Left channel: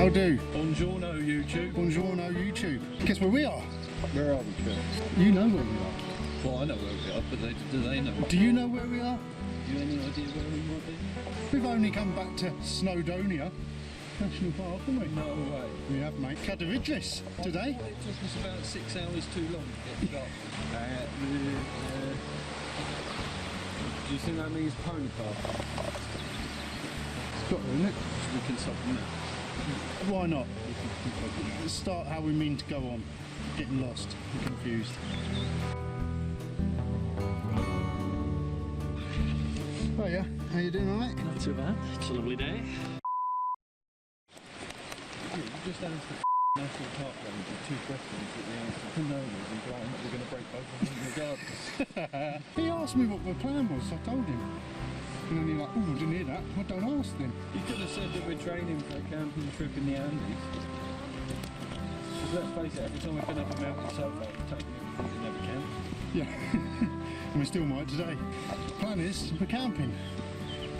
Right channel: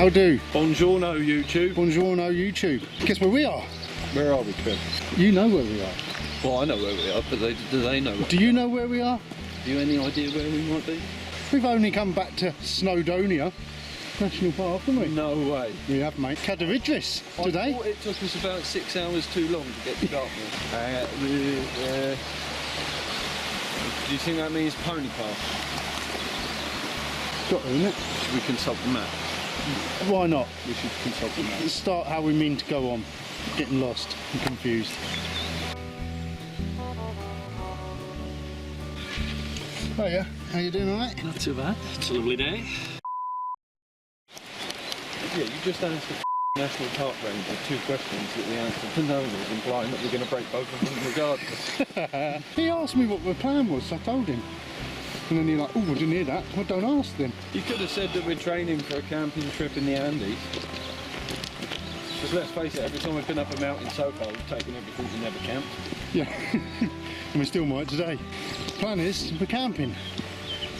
How do? Buongiorno YouTube. Buongiorno YouTube. Guess where we are? Where are we, Trev? You know where we are. Well, I know where we are, but do they know? Do you know where we are? Have you any idea where we might be? We've only come back to Snowdonia National Park, haven't we? No way. We have, mate. Cadair Idris today. I thought it took us about 6 hours too long to get to Dartmoor. Do you think that means pony park? Got to, isn't it? Should we consult the map? Why not? We should consult the map. Let's start how we mean to go on. Getting lost and confused. Oh yeah, how you doing, alright? Not too bad. It's a lovely day. Yeah, you just asked the National Park Ranger 2 questions that the answer to no was implying that we're going to break both of them regardless. He asked me what the plan was, so I told him. And then you're like, oh, I didn't hear that. Well, don't ask then. You could have said that we're training for a camping trip in the Andes. Because let's face it, every time we've been up a mountain so far, we've taken everything we never camped. Yeah, and we still might today. Plan is we're camping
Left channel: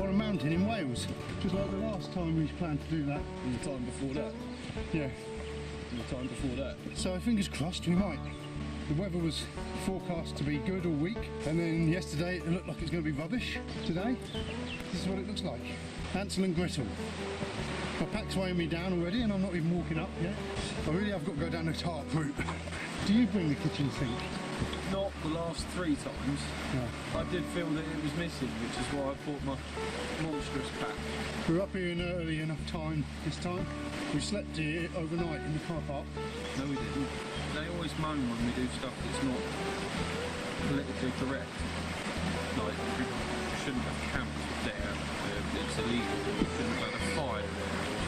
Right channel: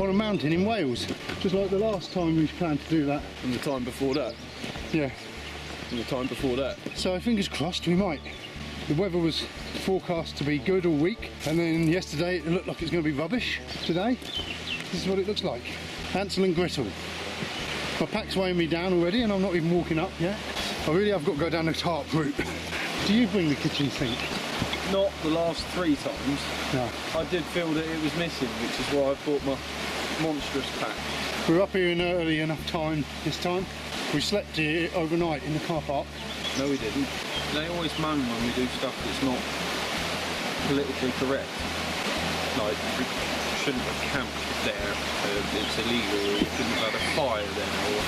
on a mountain in Wales, just like the last time we planned to do that. And the time before that. Yeah. And the time before that. So fingers crossed we might. The weather was forecast to be good all week, and then yesterday it looked like it's going to be rubbish. Today, this is what it looks like. Hansel and Gretel. My pack's weighing me down already and I'm not even walking up yet. I really have got to go down the tarp route. Do you bring the kitchen sink? Not the last 3 times. No. I did feel that it was missing, which is why I bought my monstrous pack. We were up here in early enough time this time. We slept here overnight in the car park. No, we didn't. They always moan when we do stuff that's not politically correct. Like, you shouldn't have camped there, it's illegal, or you shouldn't have had a fire there. Or...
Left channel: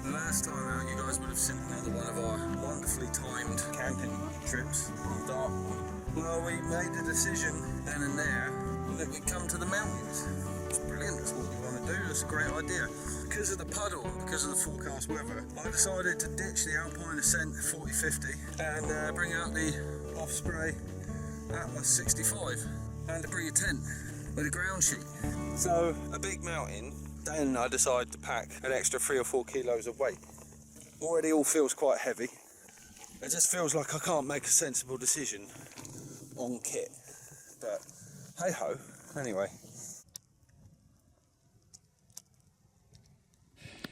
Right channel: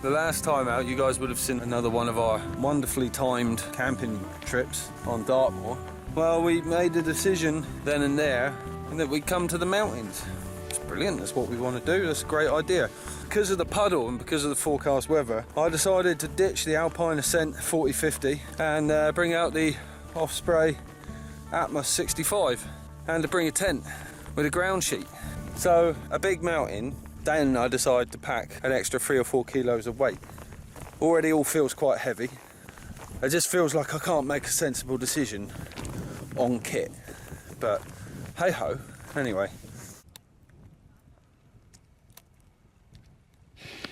The last time out, you guys would have seen another one of our wonderfully timed camping trips on Dartmoor. Well, we made a decision then and there that we'd come to the mountains. It's brilliant, that's what we want to do, that's a great idea. Because of the puddle and because of the forecast weather, I decided to ditch the Alpine Ascent 4050 and bring out the Osprey Atmos 65 and to bring a tent with a ground sheet. So, a big mountain, Dan and I decided to pack an extra 3 or 4 kilos of weight. Already all feels quite heavy. It just feels like I can't make a sensible decision on kit. But hey ho, anyway.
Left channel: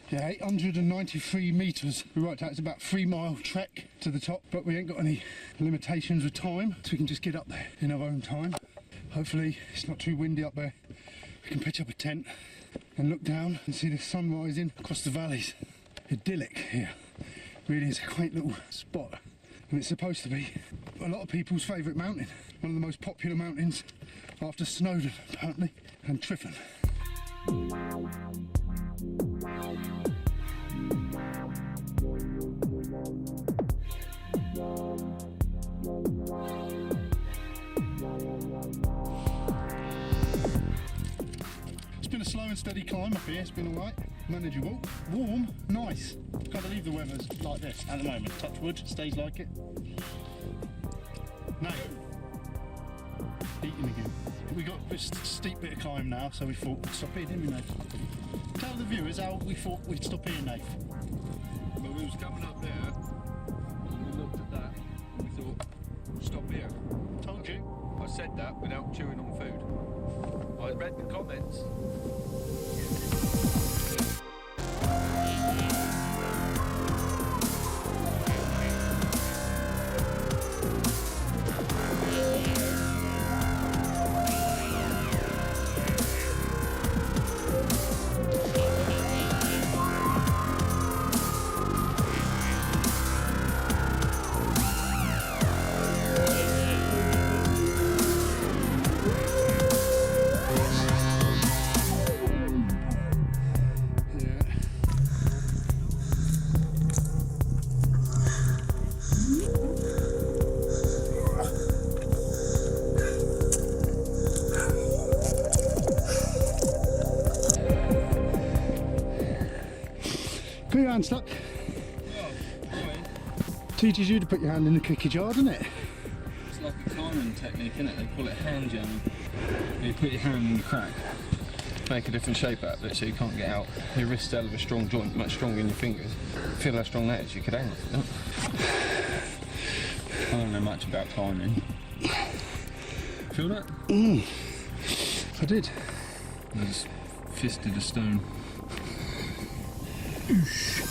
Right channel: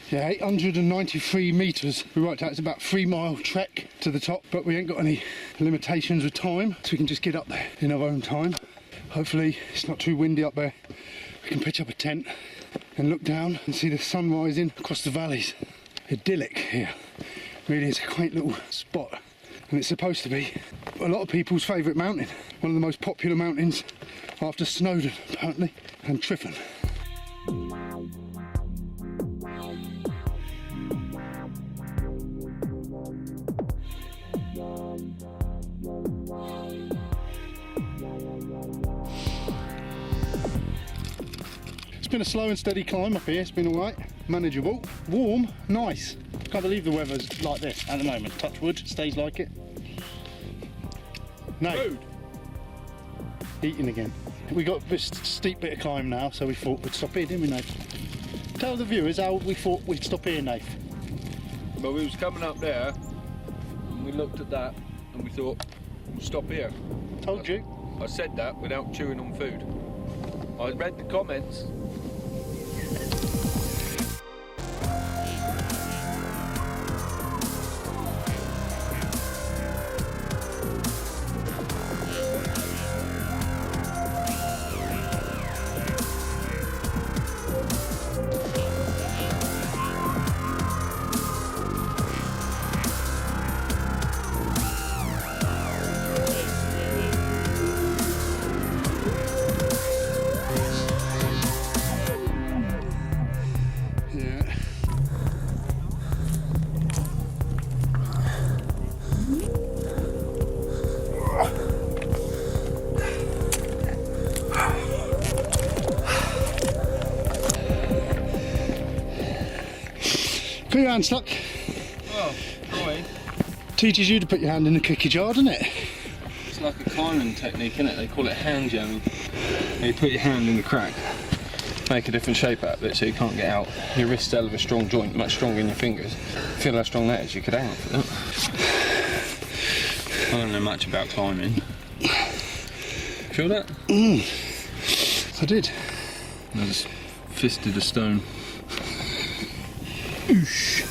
Yeah, 893 metres. We worked out it's about 3-mile trek to the top, but we ain't got any limitations with time, so we can just get up there in our own time. Hopefully it's not too windy up there. We can pitch up a tent and look down and see the sun rising across the valleys. Idyllic here. Really is a quaint little spot, and it's supposed to be a lot of people's favourite mountain. One of the most popular mountains after Snowdon, apparently, and Tryfan. It's been a slow and steady climb up here, it's been alright, manageable, warm, nice. Can't believe the weather's like this at the moment. Touch wood, stays like it. No. Food. Eating again. We got this steep bit of climb now, so we thought we'd stop here, didn't we, Nath? Tell the viewers how we thought we'd stop here, Nath. Well, we was coming up there, and we looked at that, and we thought, we'll stop here. Told you. I said that without chewing on food. I read the comments. Put your hand stuck. Well, trying. Teaches you to put your hand in the cookie jar, doesn't it? It's like a climbing technique, isn't it? They call it hand jamming. You put your hand in the crack, make a different shape out of it so you can't get out. Your wrist's hell of a strong joint, much stronger than your fingers. Feel how strong that is, you could hang off it. I don't know much about climbing. Feel that? I did. I just fisted a stone. Oosh.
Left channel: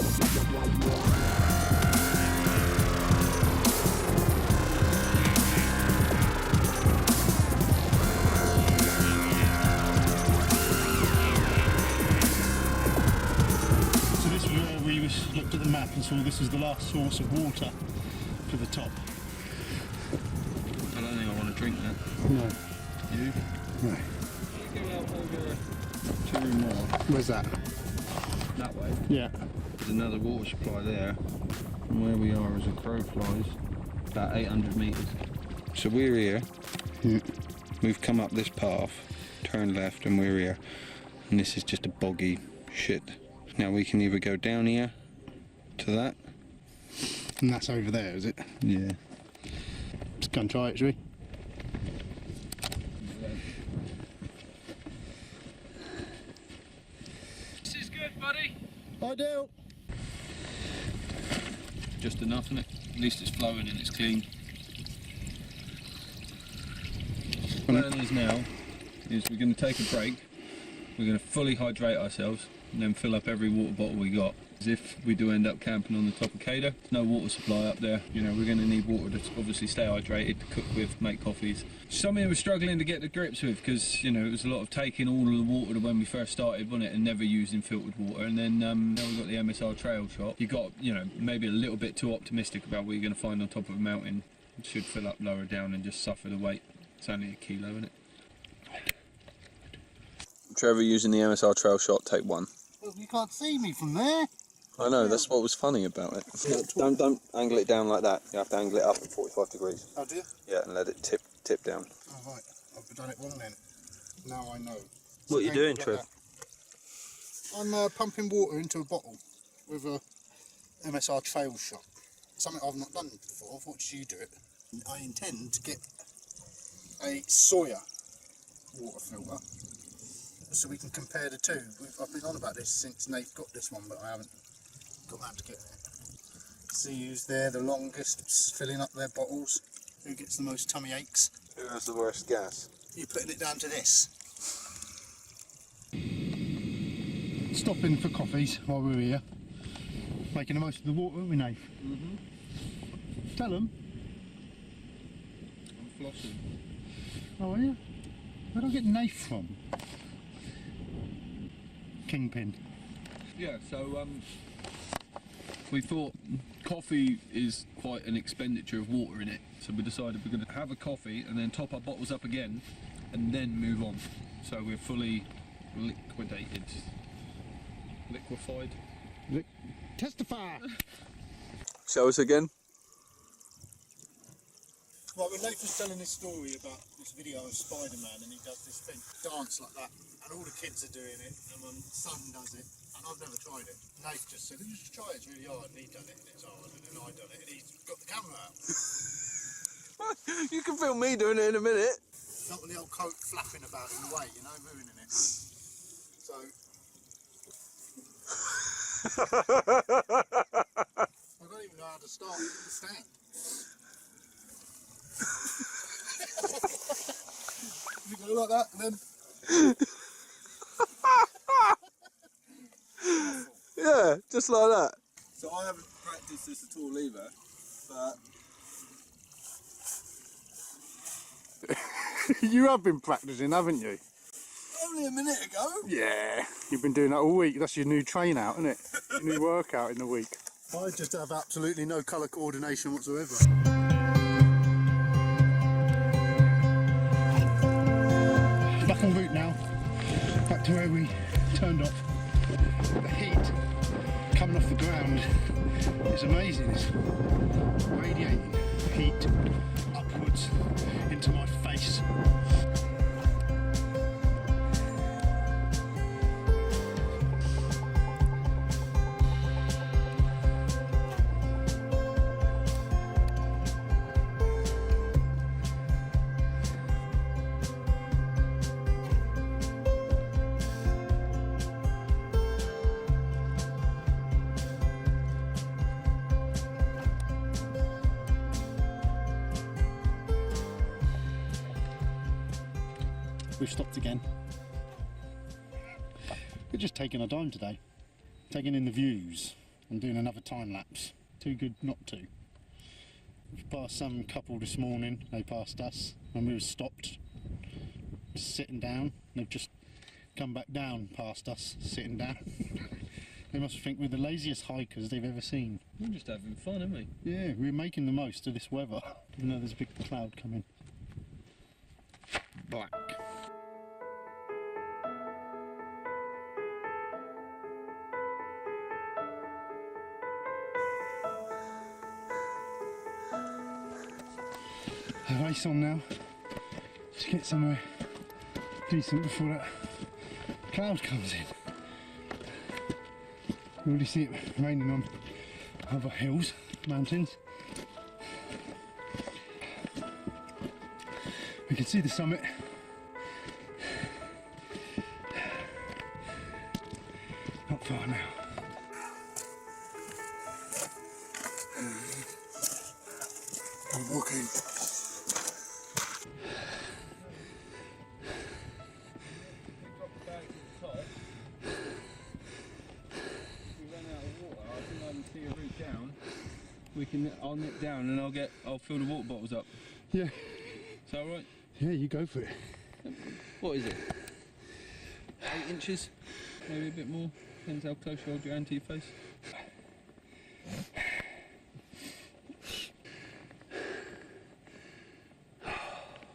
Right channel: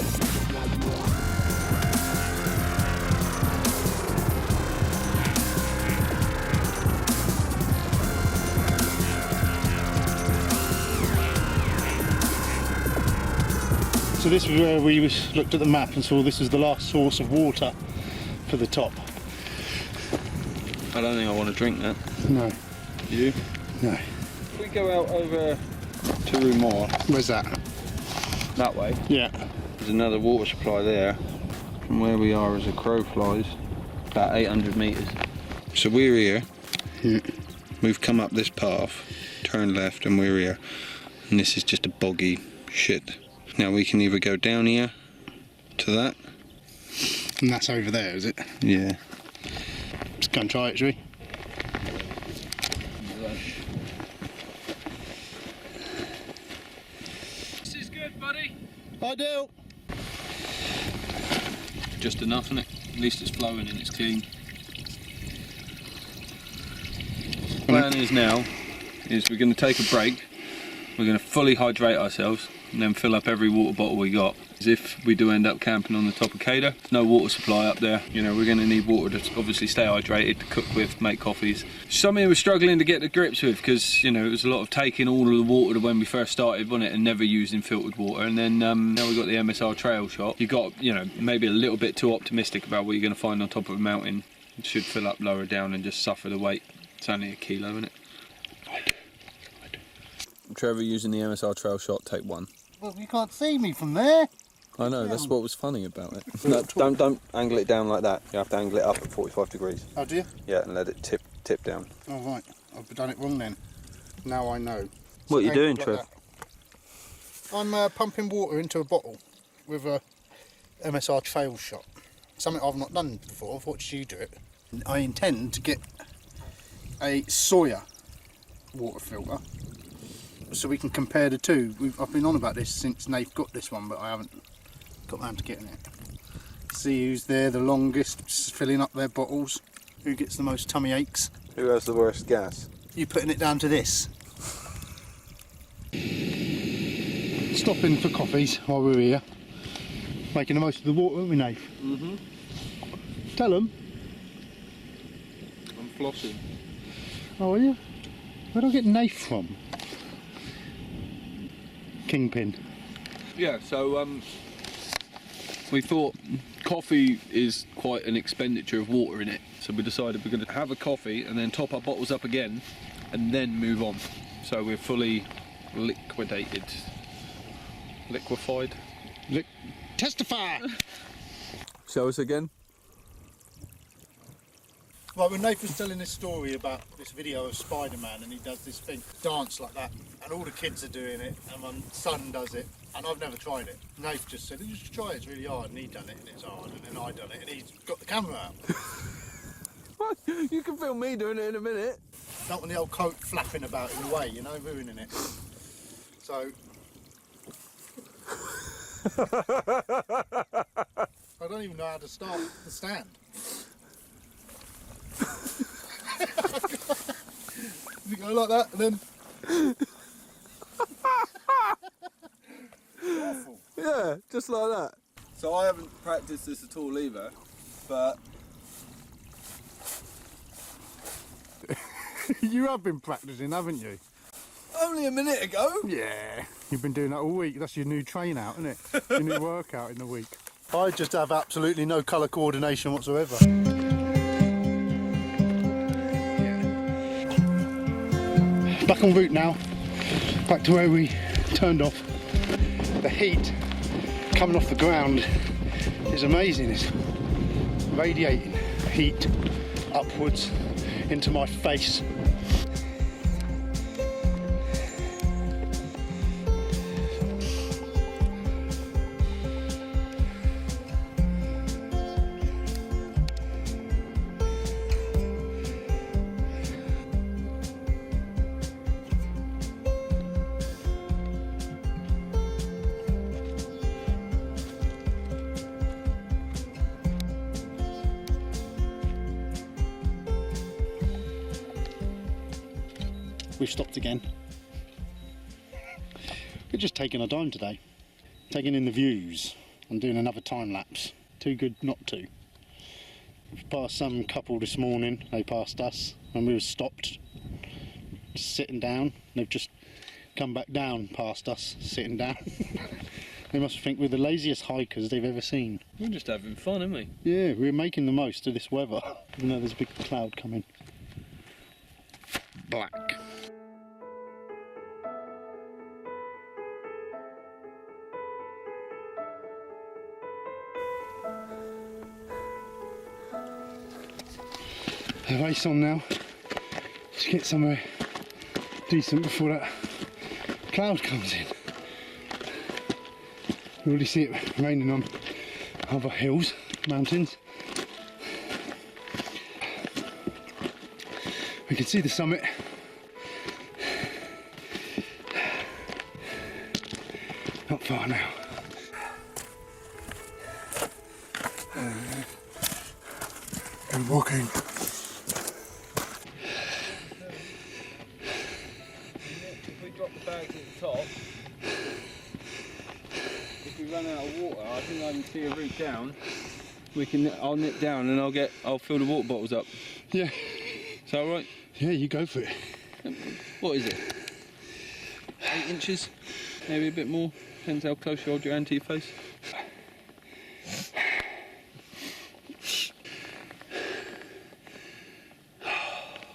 So this was where we looked at the map and saw this was the last source of water for the top. I don't think I want to drink that. No. You? No. If we go out over to Rumor, Where's that? that way, Yeah. there's another water supply there. From where we are as a crow flies, about 800 metres. So we're here. Yeah. We've come up this path, turn left, and we're here. And this is just a boggy shit. Now we can either go down here to that. And that's over there, is it? Yeah. Just go and try it, shall we? This is good, buddy. I do. Just enough, isn't it? At least it's flowing and it's clean. Plan is now, is we're going to take a break. We're going to fully hydrate ourselves and then fill up every water bottle we got. As if we do end up camping on the top of Cadair, there's no water supply up there. You know, we're going to need water to obviously stay hydrated, to cook with, make coffees. Something we were struggling to get to grips with because, you know, it was a lot of taking all of the water when we first started, wasn't it, and never using filtered water. And then now we've got the MSR trail shot. You got, you know, maybe a little bit too optimistic about what you're going to find on top of a mountain. It should fill up lower down and just suffer the weight. It's only a kilo, isn't it? I do. Trevor using the MSR trail shot, take one. Well, you can't see me from there. I know, that's what was funny about it. No, don't angle it down like that. You have to angle it up at 45 degrees. Oh, do you? Yeah, and let it tip down. Oh, right. I've done it wrong then. Now I know. What are you doing, like Trev? that. I'm pumping water into a bottle with a MSR trail shot. Something I've not done before. I've watched you do it. I intend to get a Sawyer water filter so we can compare the two. I've been on about this since Nath got this one, but I haven't got round to getting it. See who's there the longest, filling up their bottles. Who gets the most tummy aches. Who has the worst gas? You putting it down to this. Stopping for coffees while we're here. Making the most of the water, aren't we, Nath? Mm-hmm. Tell them. I'm flossing. Oh, are you? Where do I get Nath from? Kingpin. Yeah, so we thought coffee is quite an expenditure of water in it, so we decided we're going to have a coffee and then top our bottles up again and then move on. So we're fully liquified. Testify! Show us again. Well, when Nathan's telling this story about this video of Spider-Man and he does this thing, dance like that, and all the kids are doing it, and my son does it, and I've never tried it. Nathan just said, just try it, it's really hard, and he done it, and it's hard, and then I done it, and he's got the camera out. You can film me doing it in a minute. Don't want the old coat flapping about in the way, you know, ruining it. So... I don't even know how to start the stand. You go like that and then... Yeah, just like that. So I haven't practiced this at all either, but... You have been practicing, haven't you? Only a minute ago. Yeah. You've been doing that all week. That's your new train out, isn't it? Your new workout in the week. I just have absolutely no colour coordination whatsoever. Back en route now. Back to where we turned off. The heat coming off the ground is amazing. It's radiating heat upwards into my face. we've stopped again. We're just taking our time today, taking in the views and doing another time lapse. Too good not to. We've passed some couple this morning, they passed us when we were stopped, just sitting down. They've just come back down past us, sitting down. They must think we're the laziest hikers they've ever seen. We're just having fun, aren't we? Yeah, we're making the most of this weather, even though there's a big cloud coming. Black. A race on now. Just get somewhere decent before that cloud comes in. You already see it raining on other hills, mountains. We can see the summit. Not far now. I'm walking. If we drop the bags at the top, if we run out of water, I think I can see a route down. I'll nip down and I'll fill the water bottles up. Yeah. Is that alright? Yeah, you go for it. What is it? 8 inches? Maybe a bit more? Depends how close you hold your hand to your face.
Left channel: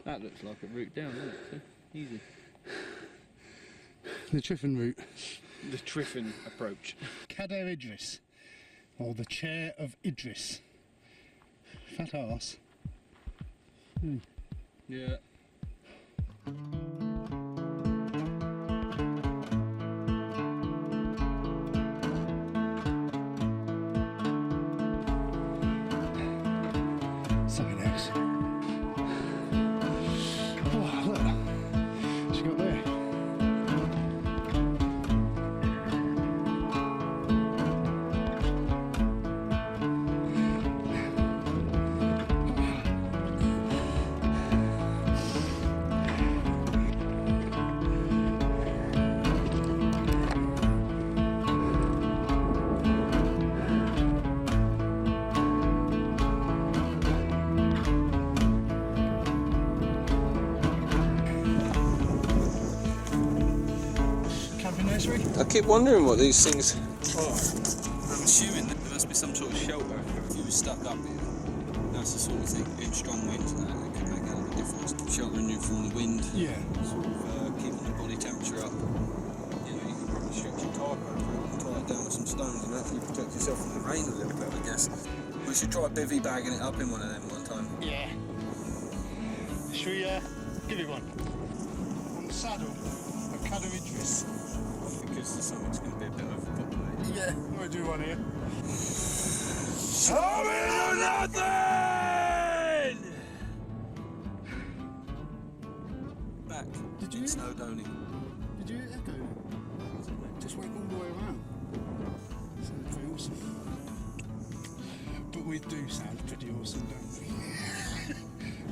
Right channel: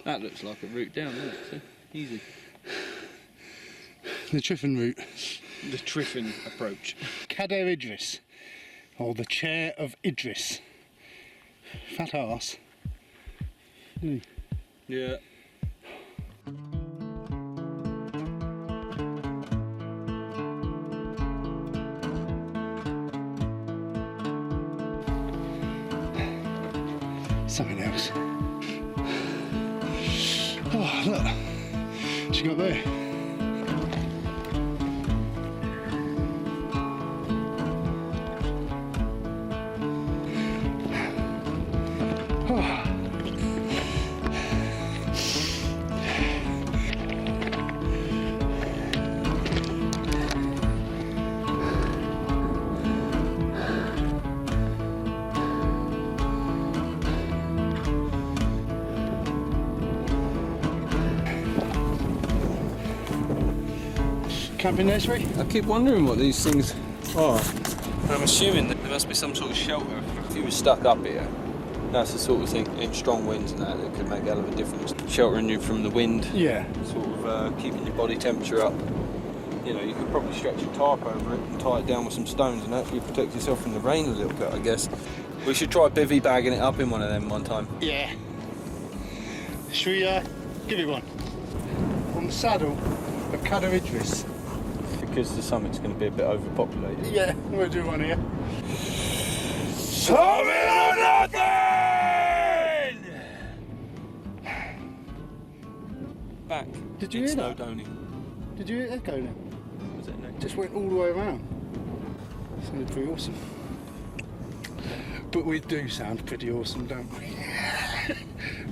That looks like a route down, doesn't it? So, easy. The Triffin route. The Triffin approach. Cadair Idris, or the chair of Idris. Fat arse. Yeah. Something else. Oh, look. What you got there? Camping nursery? I keep wondering what these things are. I'm assuming that there must be some sort of shelter. If you were stuck up here, that's the sort of thing, in strong winds and that could make a hell of a difference. Sheltering you from the wind, Yeah. sort of keeping your body temperature up. You know, you could probably stretch your tarp over it and tie it down with some stones and actually protect yourself from the rain a little bit, I guess. We should try bivvy bagging it up in one of them one time. Yeah. Should we give you one? On the saddle of Cadair Idris. Because the summit's going to be a bit overpopulated. Yeah, we'll do one here. Summit or nothing! Back. Did you in hear that? Snowdonia. Did you hear it echo then? What was it next? Just went all the way around. Sounded pretty awesome. But we do sound pretty awesome, don't we?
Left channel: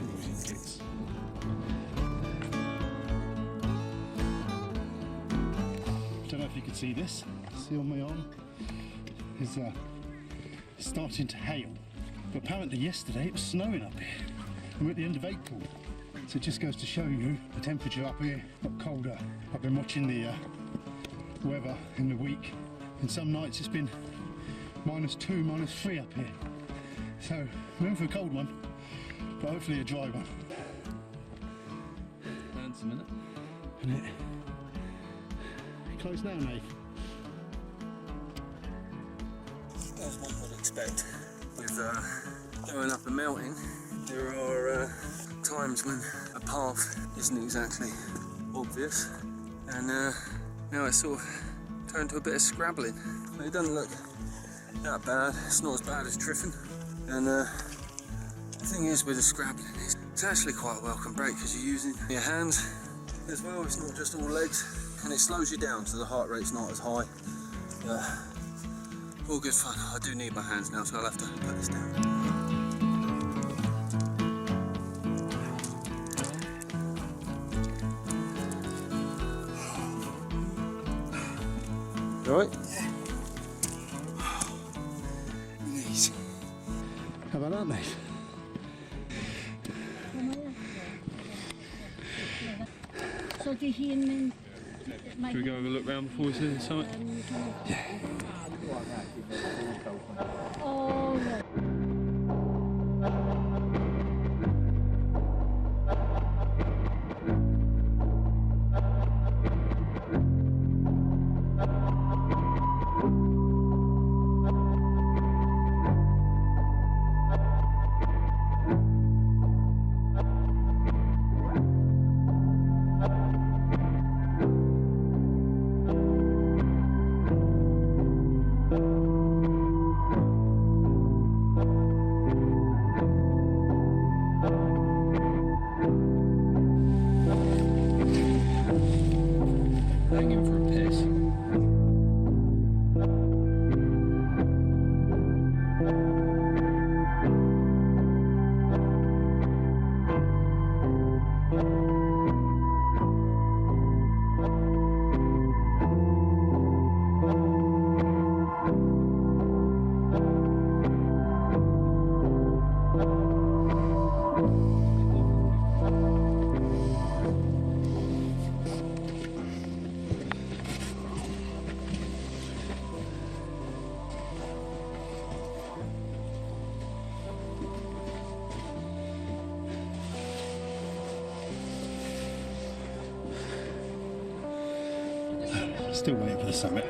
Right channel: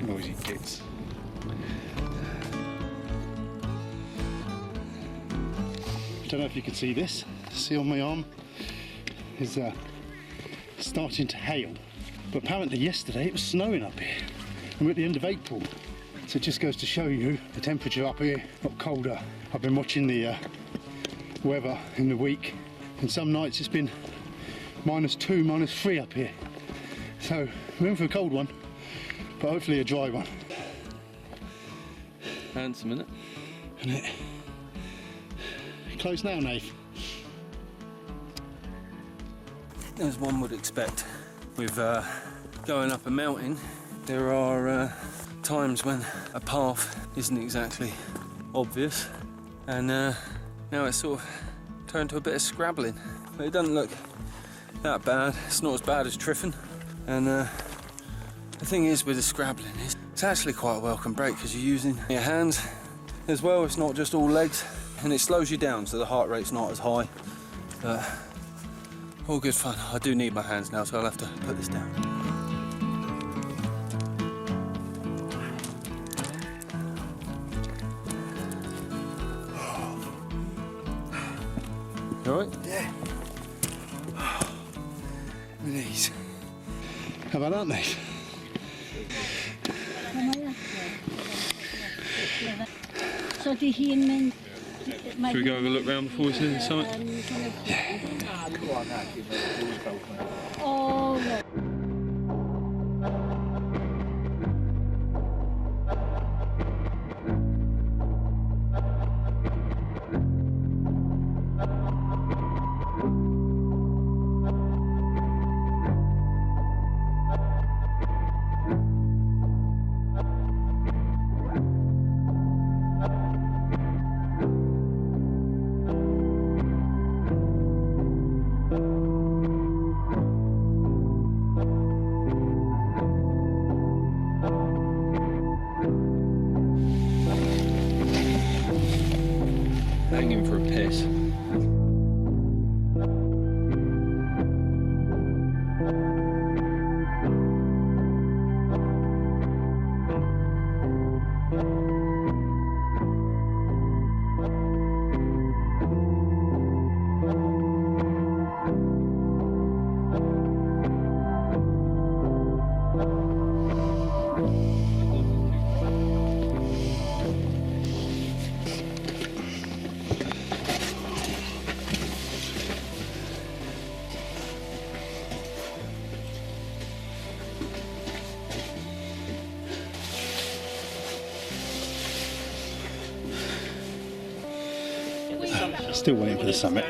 Noisy kids. I don't know if you can see this. See on my arm is starting to hail. But apparently yesterday it was snowing up here. And we're at the end of April. So it just goes to show you the temperature up here got colder. I've been watching the weather in the week, and some nights it's been -2, -3 up here. So we're in for a cold one, but hopefully a dry one. Handsome, innit? Isn't it? Close now, Nath. As one would expect with going up a mountain, there are times when a path isn't exactly obvious, and now it's sort of turned to a bit of scrabbling. It doesn't look that bad. It's not as bad as Triffin, and the thing is with the scrabbling is it's actually quite a welcome break because you're using your hands as well. It's not just all legs, and it slows you down so the heart rate's not as high. All good fun. I do need my hands now, so I'll have to put this down. well, aren't they? So did he mean? Should we go have a look round before we see the site? Oh, yeah. Hanging for a piss. Still waiting for the summit.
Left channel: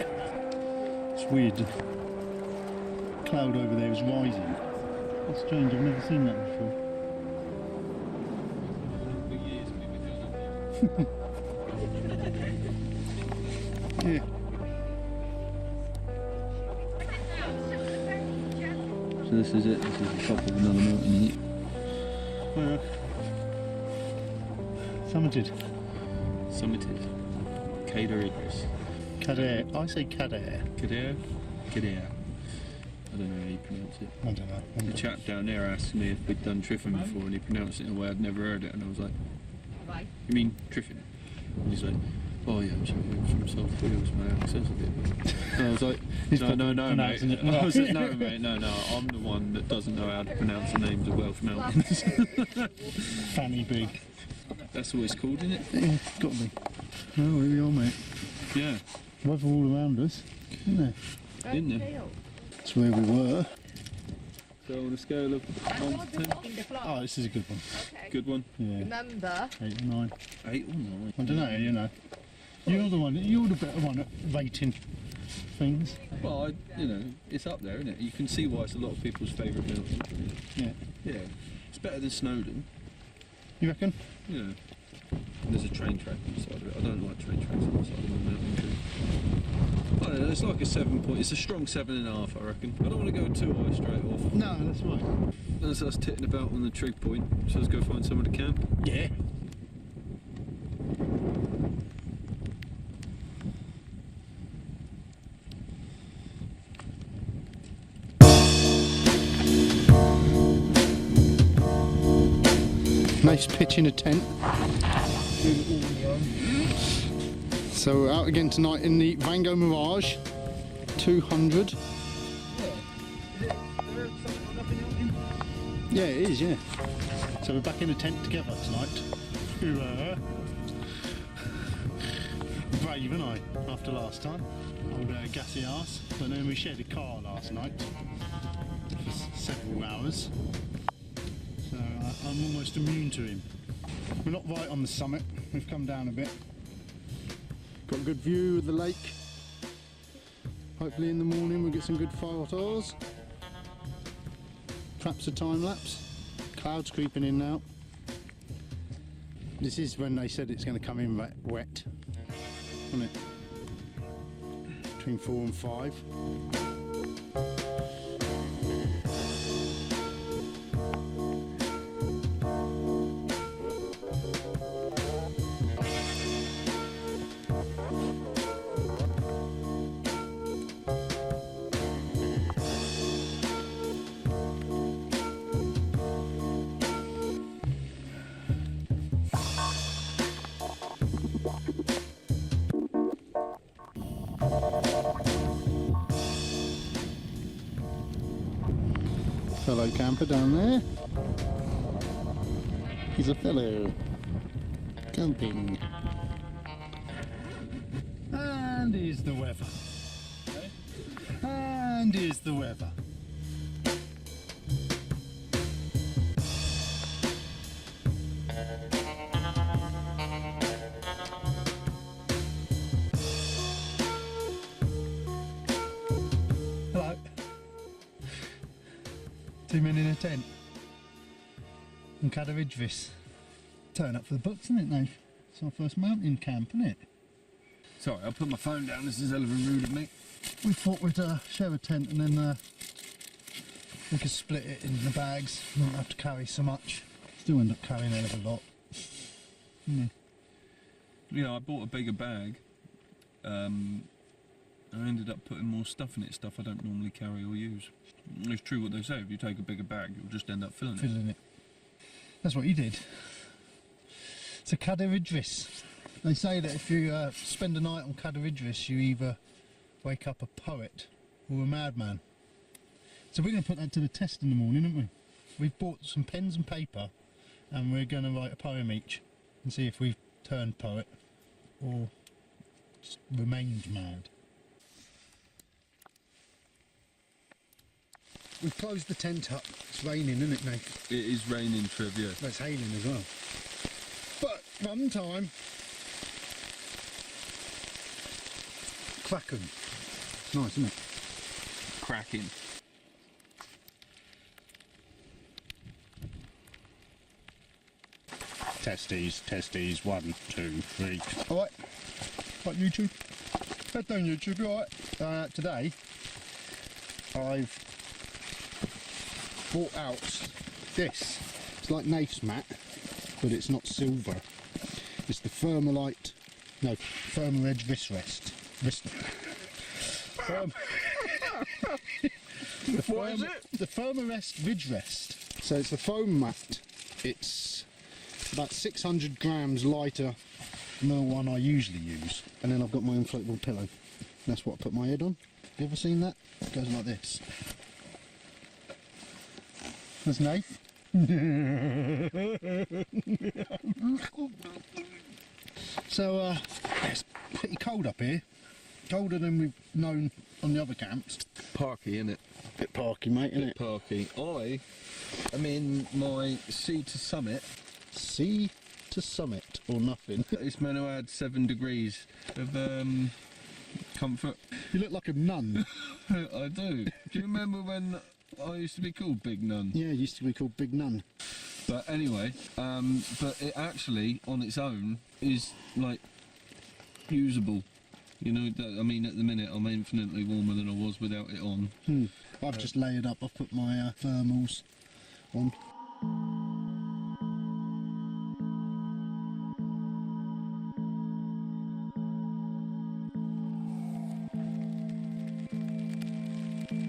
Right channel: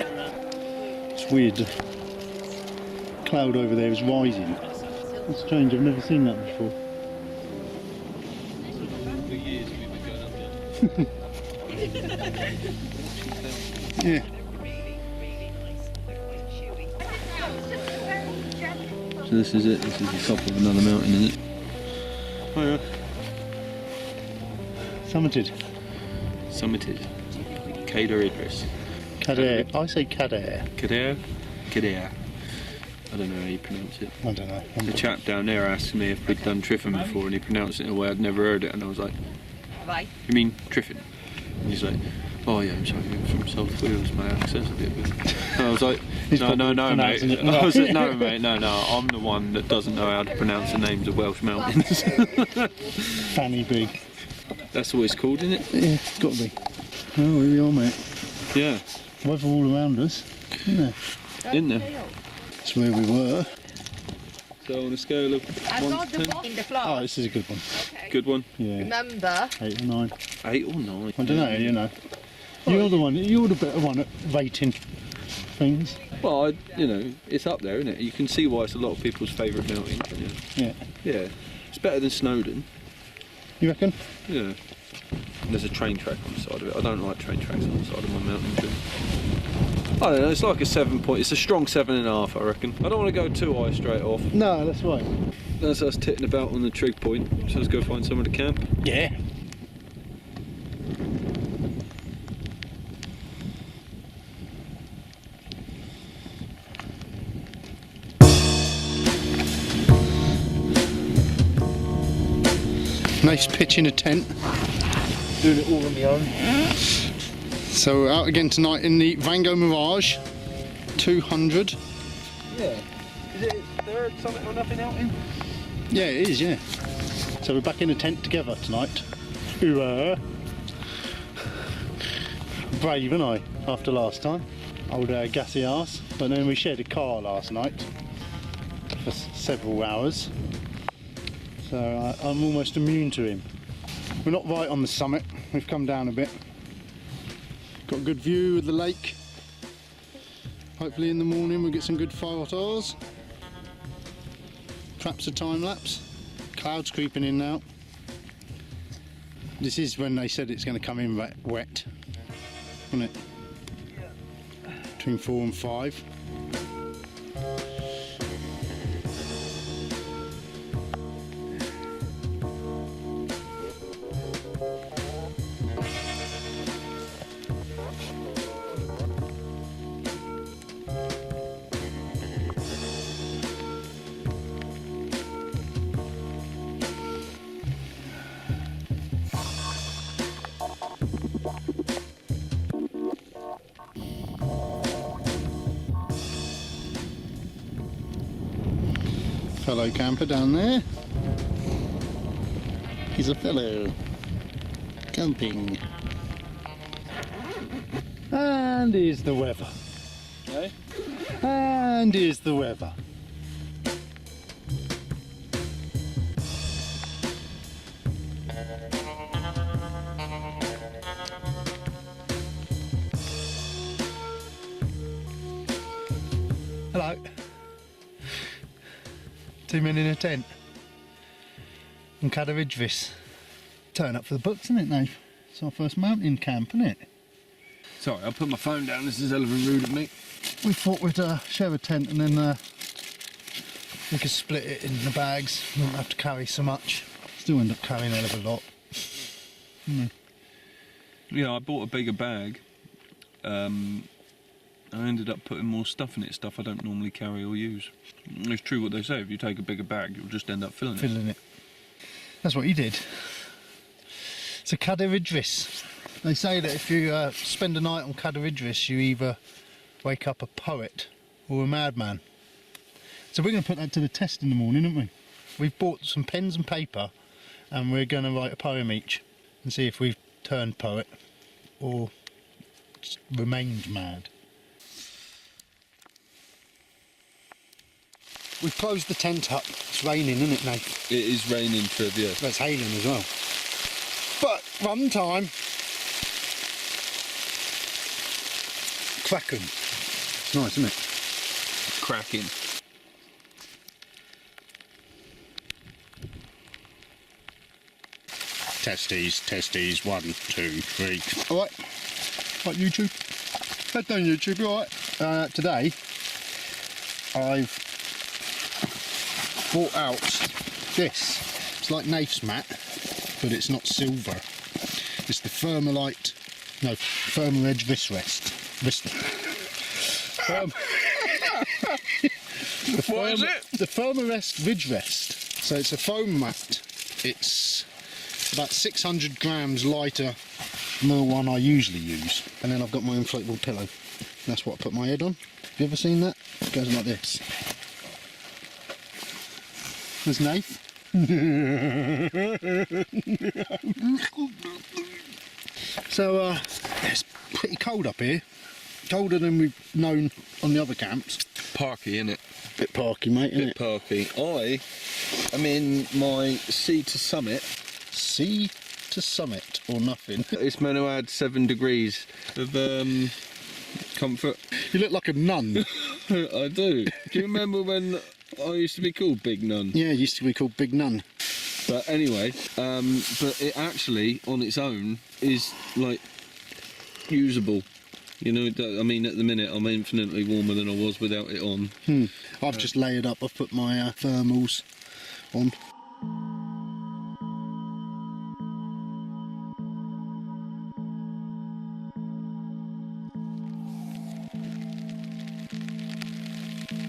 It's weird. The cloud over there is rising. It's strange, I've never seen that before. Yeah. So this is it, this is the top of another mountain, isn't it? Oh yeah. Summited. Summited. Cadair Idris. Cadair. I say Cadair. Cadair? Cadair. I don't know how you pronounce it. I don't know. The chap down there asked me if we'd done Triffin before, and he pronounced it in a way I'd never heard it, and I was like, you mean Triffin? And he's like, oh yeah, I'm sorry, I'm from South Wales, my accent's a bit weird. And I was like, no, mate. I was like, no, mate, no, I'm the one that doesn't know how to pronounce the names of Welsh mountains. Fanny big. That's what it's called, isn't it? Yeah, got to be. Oh, here we are, mate. Yeah. Weather all around us, isn't there? Isn't there? That's where we were. So on a scale of 1 to 10? Oh, this is a good one. Good one? Yeah. Remember? 8 or 9. 8 or 9? I don't know, you know. You're the one, you're the better one at rating things. Well, it's up there, isn't it? You can see why it's a lot of people's favourite mountain, can you? Yeah. Yeah. It's better than Snowdon. You reckon? Yeah. And there's a train track on the side of it. I don't like train tracks on the side of my mountain trip. I don't know, it's like a 7 point, it's a strong 7.5, I reckon. I don't want to go too high straight off. No, that's right. That's us titting about on the trig point, so let's go find somewhere to camp. Yeah. Nice pitch in a tent. Doing it all on my own. So we're out again tonight in the Vango Mirage 200. Yeah. Is there something or nothing out in? Yeah, it is, yeah. So we're back in a tent together tonight. Brave, aren't I, after last time? Old gassy arse. But then we shared a car last night for several hours. So I'm almost immune to him. We're not right on the summit. We've come down a bit. Got a good view of the lake. Hopefully in the morning we'll get some good photos. Perhaps a time lapse. Clouds creeping in now. This is when they said it's going to come in wet, isn't it? Between 4 and 5. camper down there. He's a fellow camping. And here's the weather. Okay. And here's the weather. Hello. 2 men in a tent. And Cadair Idris. Turn up for the books, isn't it, Nath? It's our first mountain camp, isn't it? Sorry, I'll put my phone down. This is hell of a rude of me. We thought we'd share a tent and then we could split it in the bags. We wouldn't have to carry so much. Still end up carrying a hell of a lot. Yeah, I bought a bigger bag. I ended up putting more stuff in it, stuff I don't normally carry or use. It's true what they say, if you take a bigger bag, you'll just end up filling it. That's what you did. So Cadair Idris. They say that if you spend a night on Cadair Idris, you either wake up a poet or a madman. So we're going to put that to the test in the morning, aren't we? We've bought some pens and paper and we're going to write a poem each and see if we've turned poet or just remained mad. We've closed the tent up. It's raining, isn't it, Nath? It is raining, Trev, yeah. But it's hailing as well. But run time. Cracking. It's nice, isn't it? Cracking. Testes, testes, 1, 2, 3. Alright. Right, YouTube. Head down YouTube, alright. Today, I've brought out this. It's like Nath's mat, but it's not silver. It's the Firmer Edge Wrist Rest. What is it? The Firmer Ridge Rest. So it's a foam mat. It's about 600 grams lighter than the one I usually use. And then I've got my inflatable pillow. That's what I put my head on. Have you ever seen that? It goes like this. There's Nath. So it's pretty cold up here. Colder than we've known on the other camps. Parky, innit? Bit parky, mate, isn't Bit it? parky. I am in my sea to summit. Sea to summit or nothing. It's meant to add 7 degrees of comfort. You look like a nun. I do. Do you remember when I used to be called Big Nun? Yeah, it used to be called Big Nun. But anyway, but it actually, on its own, is like usable. You know, I mean, at the minute I'm infinitely warmer than I was without it on. I've just layered up. I've put my thermals on.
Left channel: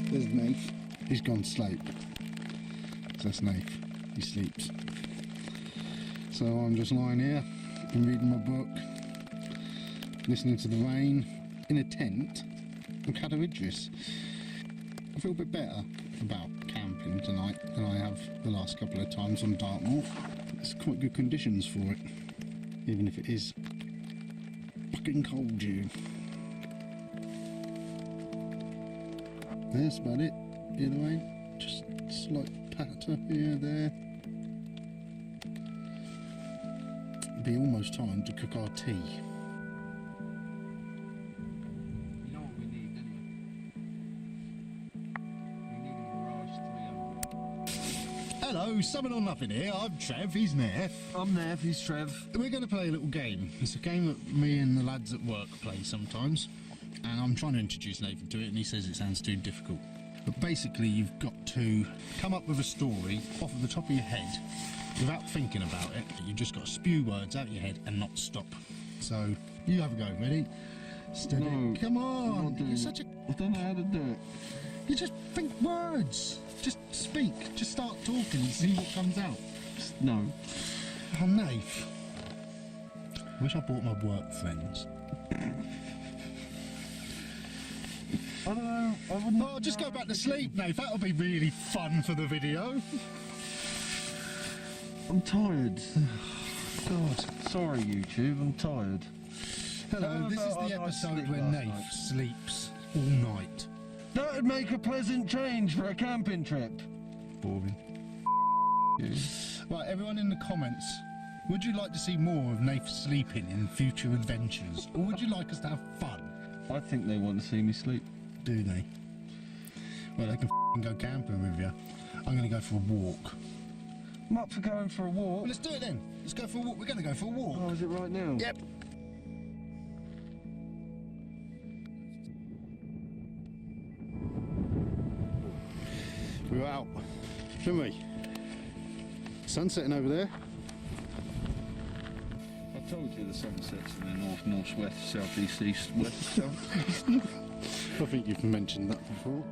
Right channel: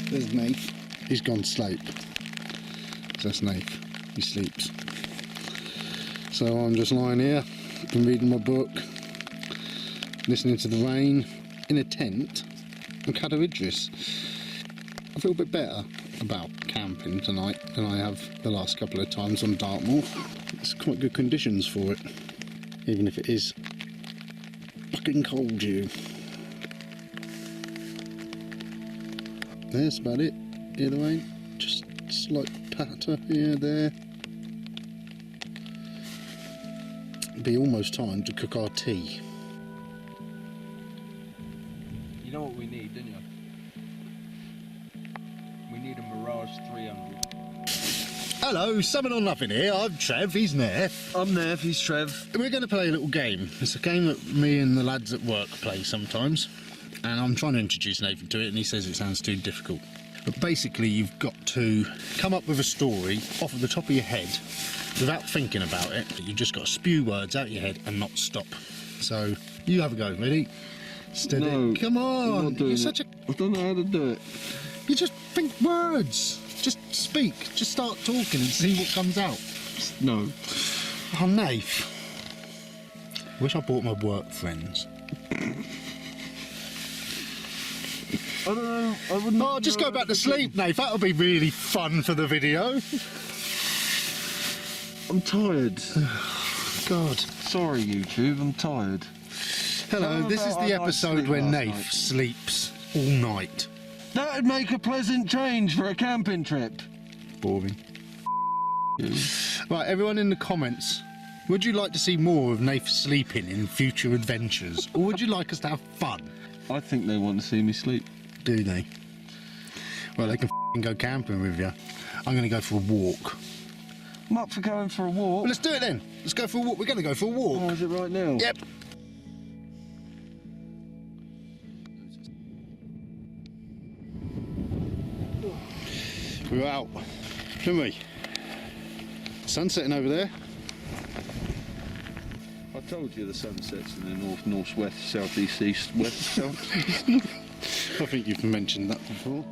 There's Nath. He's gone to sleep. That's Nath. He sleeps. So I'm just lying here, been reading my book, listening to the rain, in a tent on Cadair Idris. I feel a bit better about camping tonight than I have the last couple of times on Dartmoor. It's quite good conditions for it, even if it is fucking cold, you. That's about it. Hear the rain? Just slight patter here, there. It'd be almost time to cook our tea. You know what we need, don't you? We need a Mirage 300. Hello, Summon or Nothing here. I'm Trev, he's Nath. I'm Nath, he's Trev. We're going to play a little game. It's a game that me and the lads at work play sometimes. And I'm trying to introduce Nathan to it and he says it sounds too difficult. But basically you've got to come up with a story off of the top of your head without thinking about it. You've just got to spew words out your head and not stop. So you have a go, ready? Steady. No, Come on. You're such a... I don't know how to do it. You just think words. Just speak. Just start talking and see what comes out. No. Oh, Nath. Wish I brought my work friends. I don't know. I wouldn't. Oh, just go back to sleep, Nath. That'll be really fun for the video. I'm tired. God. Sorry, YouTube. I'm tired. Hello, this is the I'd episode sleep where last Nath night. sleeps all night. That would make a pleasant change for a camping trip. Boring. You. Right, everyone in the comments, would you like to see more of Nath sleeping in future adventures? Or would you like us to have fun? I think they want to see me sleep. Do they? Well, they can go camping with you. I'm going to go for a walk. I'm up for going for a walk. Well, let's do it then. Let's go for a walk. We're going to go for a walk. Oh, is it right now? Yep. We're out, shouldn't we? Sun's setting over there. I told you the sun sets in the north, northwest, southeast, east, west, south. I think you've mentioned that before.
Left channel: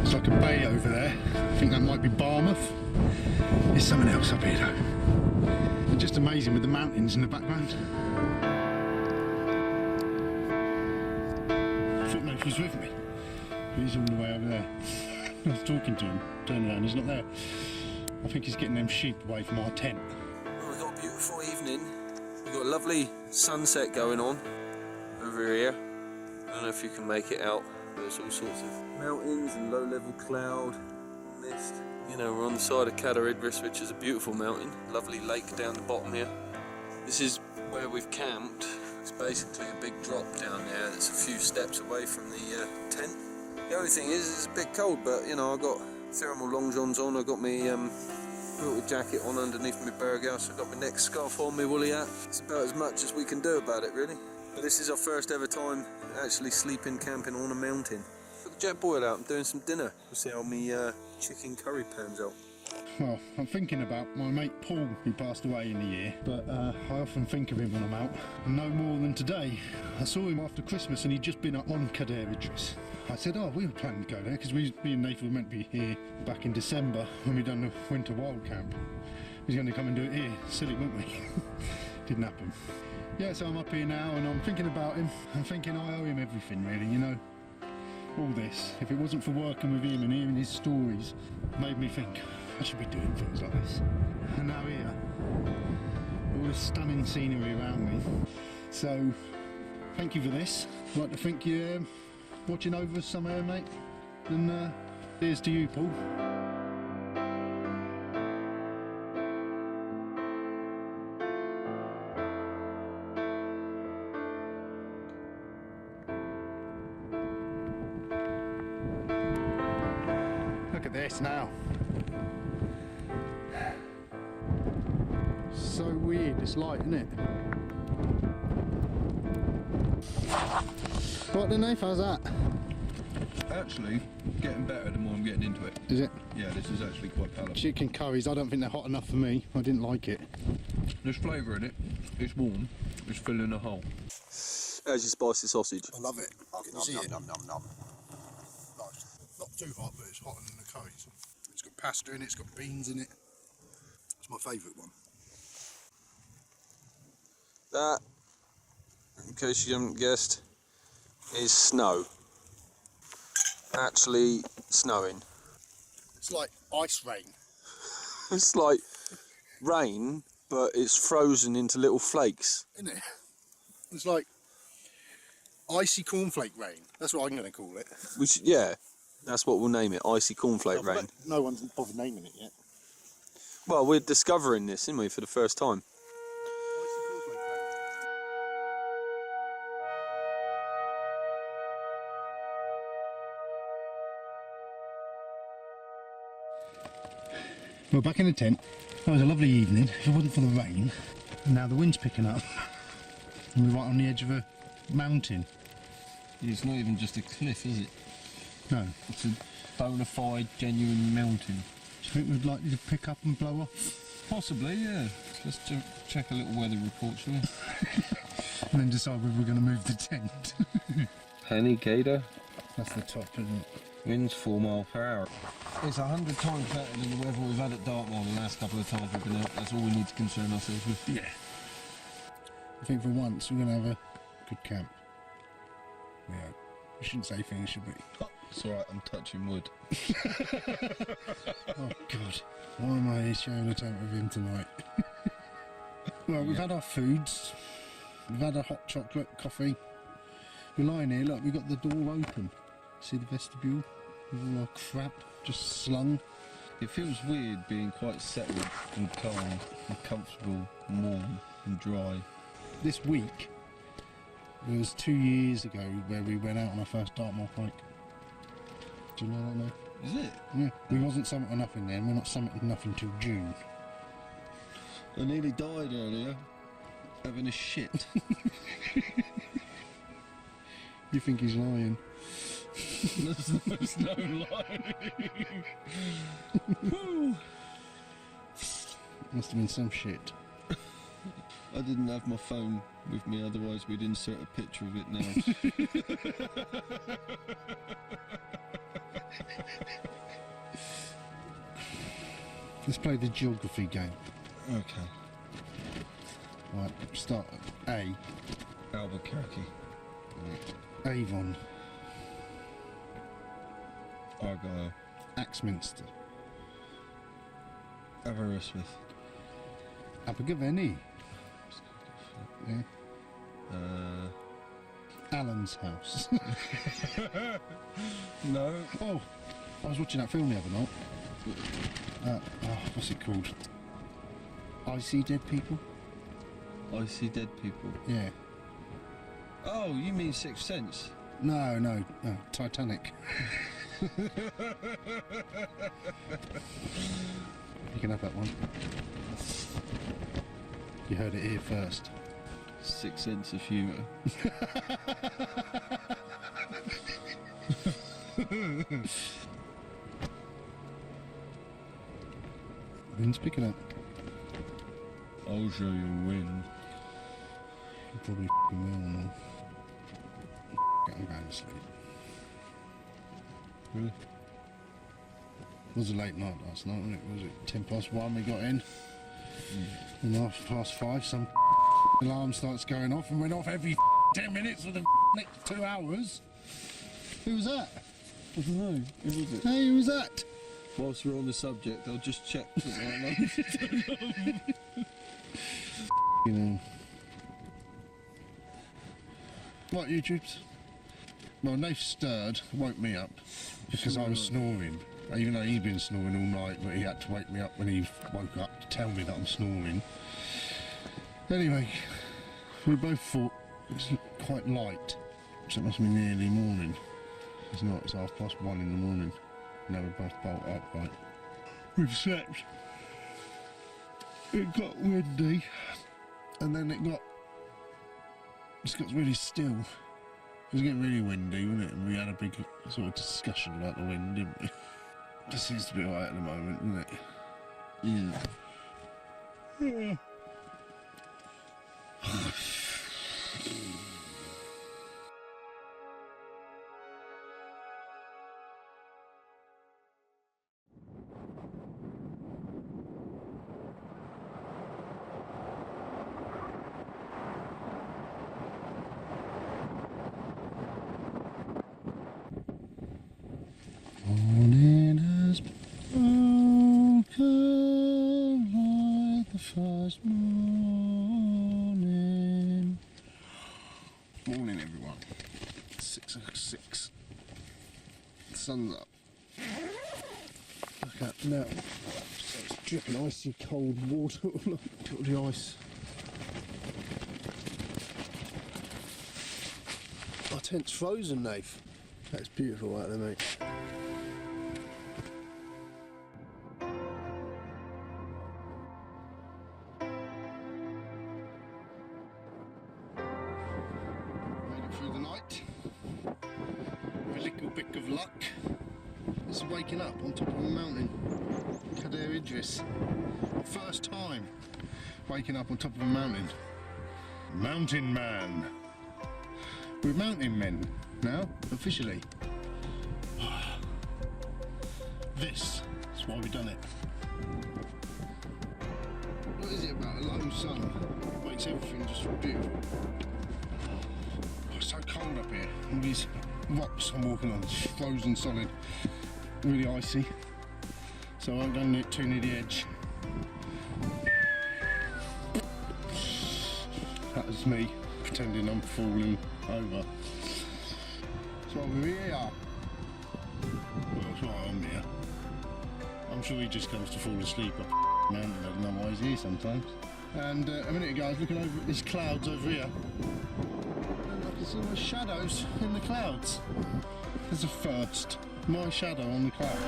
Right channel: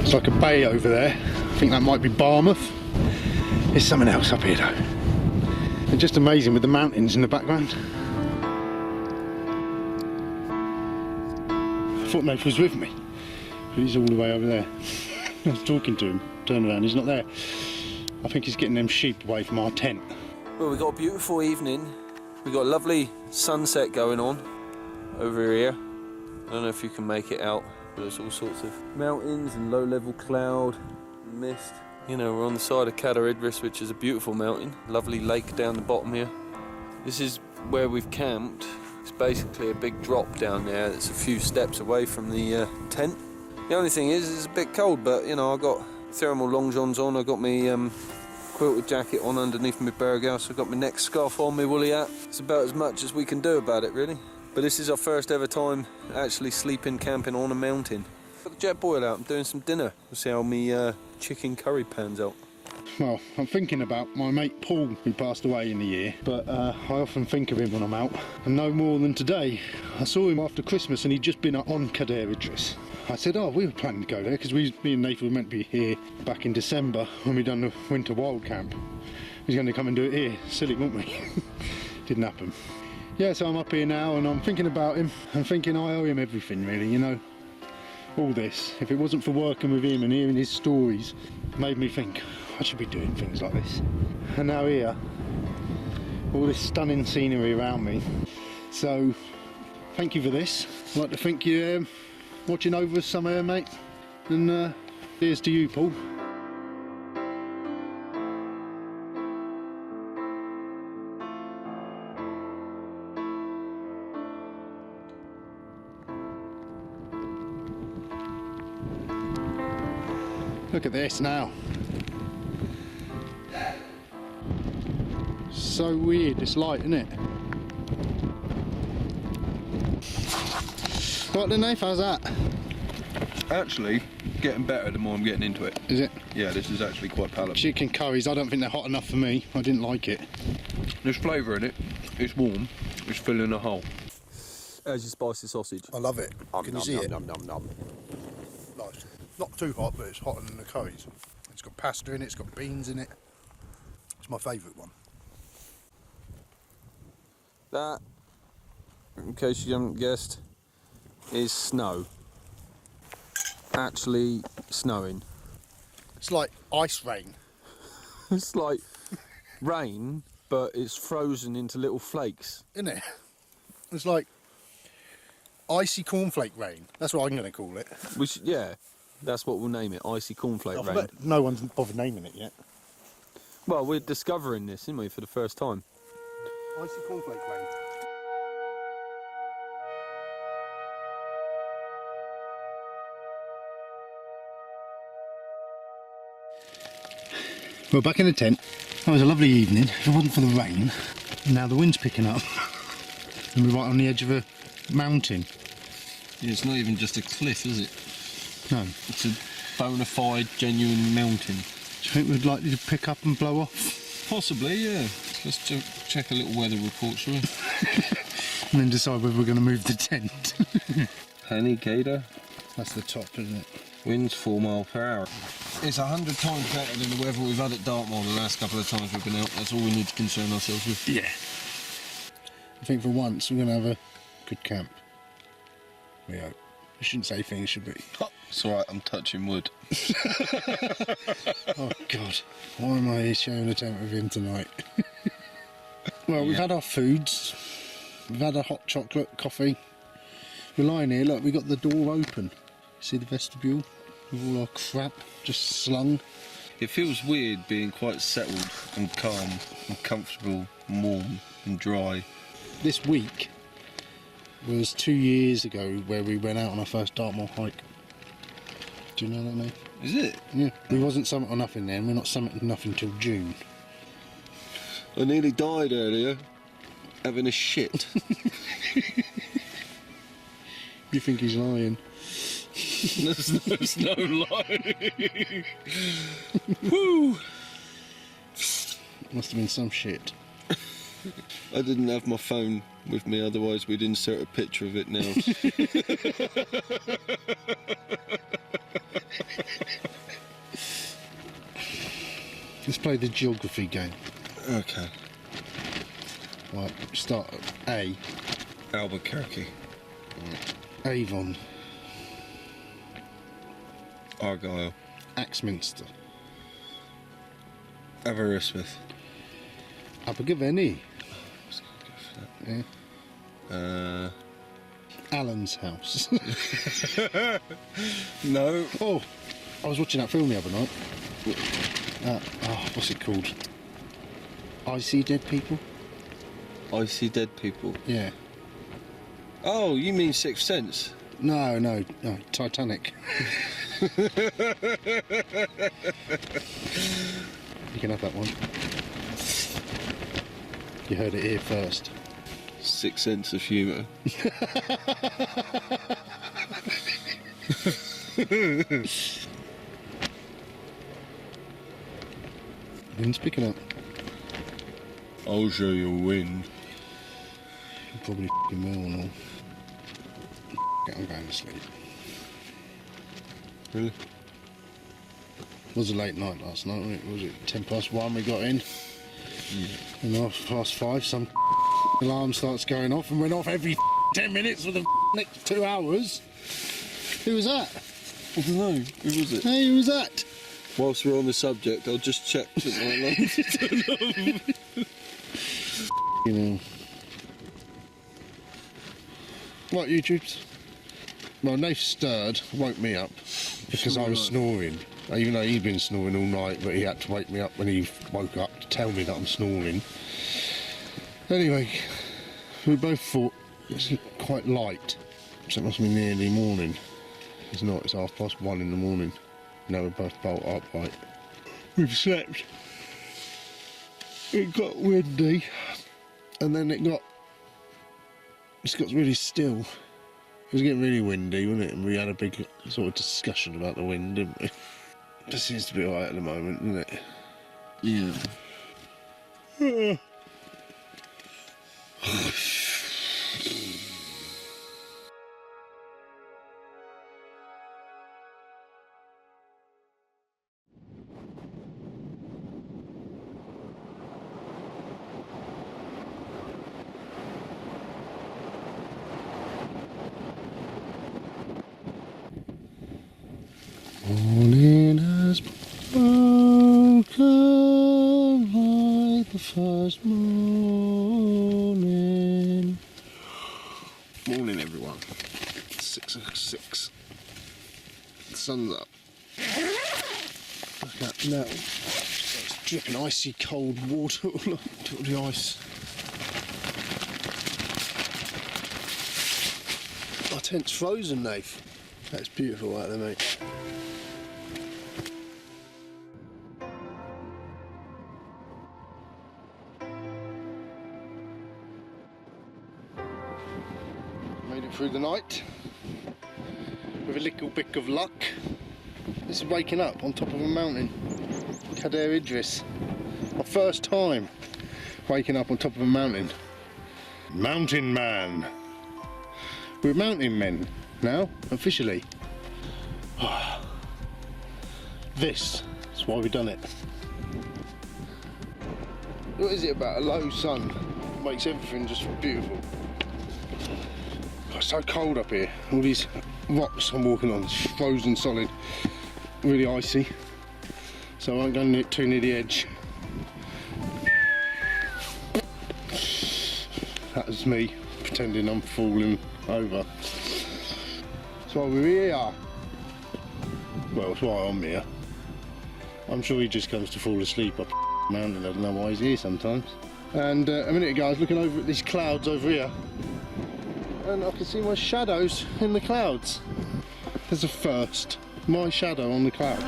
It's like a bay over there. I think that might be Barmouth. There's something else up here though. It's just amazing with the mountains in the background. I thought Nath was with me. He's all the way over there. I was talking to him, turned around, he's not there. I think he's getting them sheep away from our tent. Well, we've got a beautiful evening. We've got a lovely sunset going on over here. I don't know if you can make it out. There's all sorts of mountains and low-level cloud and mist. You know, we're on the side of Cadair Idris, which is a beautiful mountain. Lovely lake down the bottom here. This is where we've camped. It's basically a big drop down there that's a few steps away from the tent. The only thing is, it's a bit cold, but you know, I've got thermal long johns on. I've got my quilted jacket on underneath my burghouse. I've got my neck scarf on, my woolly hat. It's about as much as we can do about it, really. But this is our first ever time actually sleeping, camping on a mountain. Got the jet boil out, I'm doing some dinner. See how my chicken curry pans out. Well, I'm thinking about my mate Paul, who passed away in the year, but I often think of him when I'm out. And no more than today, I saw him after Christmas and he'd just been on Cadair Idris. I said, oh, we were planning to go there because me and Nath were meant to be here back in December when we done the winter wild camp. He was going to come and do it here. Silly, weren't we? Didn't happen. Yeah, so I'm up here now and I'm thinking about him. I'm thinking I owe him everything, really, you know. All this, if it wasn't for working with him and hearing his stories, made me think I should be doing things like this. And now here, all this stunning scenery around me. So, thank you for this. I'd like to thank you watching over us somewhere, mate. And here's to you, Paul. Look at this now. So weird, this light, isn't it? What then, Nath? How's that? Actually, getting better the more I'm getting into it. Is it? Yeah, this is actually quite palatable. Chicken curries, I don't think they're hot enough for me. I didn't like it. There's flavour in it, it's warm, it's filling a hole. How's your spicy sausage? I love it. Can you see it? Nice. Not too hot, but it's hotter than the curries. It's got pasta in it, it's got beans in it. It's my favourite one. That, in case you haven't guessed, is snow. Actually snowing. It's like ice rain. It's like rain, but it's frozen into little flakes. Isn't it? It's like icy cornflake rain. That's what I'm going to call it. Which, yeah, that's what we'll name it, icy cornflake rain. No one's bothered naming it yet. Well, we're discovering this, aren't we, for the first time? Icy cornflake rain. Well, back in the tent. That was a lovely evening. If it wasn't for the rain, Now the wind's picking up. And we're right on the edge of a mountain. Yeah, it's not even just a cliff, is it? No. It's a bona fide, genuine mountain. Do you think we'd likely to pick up and blow off? Possibly, yeah. Let's check a little weather report, shall we? And then decide whether we're going to move the tent. Penny Gator. That's the top, isn't it? Winds 4 miles per hour. It's 100 times better than the weather we've had at Dartmoor the last couple of times we've been out. That's all we need to concern ourselves with. Yeah. I think for once we're going to have a good camp. We hope. We shouldn't say things, should we? Oh, it's alright, I'm touching wood. Oh God, why am I sharing a tent with him tonight? Well, we've had our foods. We've had a hot chocolate, coffee. We're lying here, look, we've got the door open. See the vestibule? With all our crap just slung. It feels weird being quite settled and calm and comfortable and warm and dry. This week was 2 years ago where we went out on our first Dartmoor hike. Do you know that, mate? Is it? Yeah. We wasn't summit or nothing then, we're not summiting nothing till June. I nearly died earlier, having a shit. You think he's lying? There's no lie. Woo! Must have been some shit. I didn't have my phone with me, otherwise we'd insert a picture of it now. Let's play the geography game. Okay. Right, start at A. Albuquerque. Avon. Argyle. Axminster. Aberystwyth. Abergavenny. Yeah. Alan's house. No. Oh, I was watching that film the other night. What's it called? I See Dead People? I See Dead People. Yeah. Oh, you mean Sixth Sense? No, Titanic. You can have that one. You heard it here first. Sixth Sense of humour. Wind's picking up. I'll show you wind. You probably f***ing will and all. I'm going to sleep. Really? It was a late night last night, wasn't it? Was it 1:10 we got in? And 5:30 some alarm starts going off and went off every 10 minutes for the next 2 hours. Who was that? I don't know. Who was it? Hey, who was that? Whilst we're on the subject, I'll just check that my alarm. You know. What, YouTubes? Well, Nath stirred, woke me up because I was snoring. Even though he'd been snoring all night, but he had to wake me up when he woke up to tell me that I'm snoring. Anyway, we both thought it's quite light, so it must be nearly morning. It's not, it's 1:30 in the morning. Now we're both bolt upright. We've slept. It got windy, and then it got really still. It was getting really windy, wasn't it? And we had a big sort of discussion about the wind, didn't we? It seems to be alright at the moment, doesn't it? Yeah. Morning has broken like the first morning. Morning, everyone. 6:06. The sun's up. Look at now. So it's dripping icy cold water all onto the ice. Our tent's frozen, Nath. That's beautiful right there, mate. through the night with a little bit of luck. This is waking up on top of a mountain, Cadair Idris. My first time waking up on top of a mountain. Mountain man. We're mountain men now, officially. This is why we've done it. What is it about a low sun? Makes everything just beautiful. It's so cold up here. All these rocks I'm walking on, it's frozen solid, really icy. So I won't go too near the edge. That was me pretending I'm falling over. So we're here. Well, it's why I'm here. I'm sure he just comes to fall asleep up the mountain. I don't know why he's here sometimes. And a minute ago I was looking over at these clouds over here, and I can see my shadows in the clouds. There's a first. My shadow on the cloud.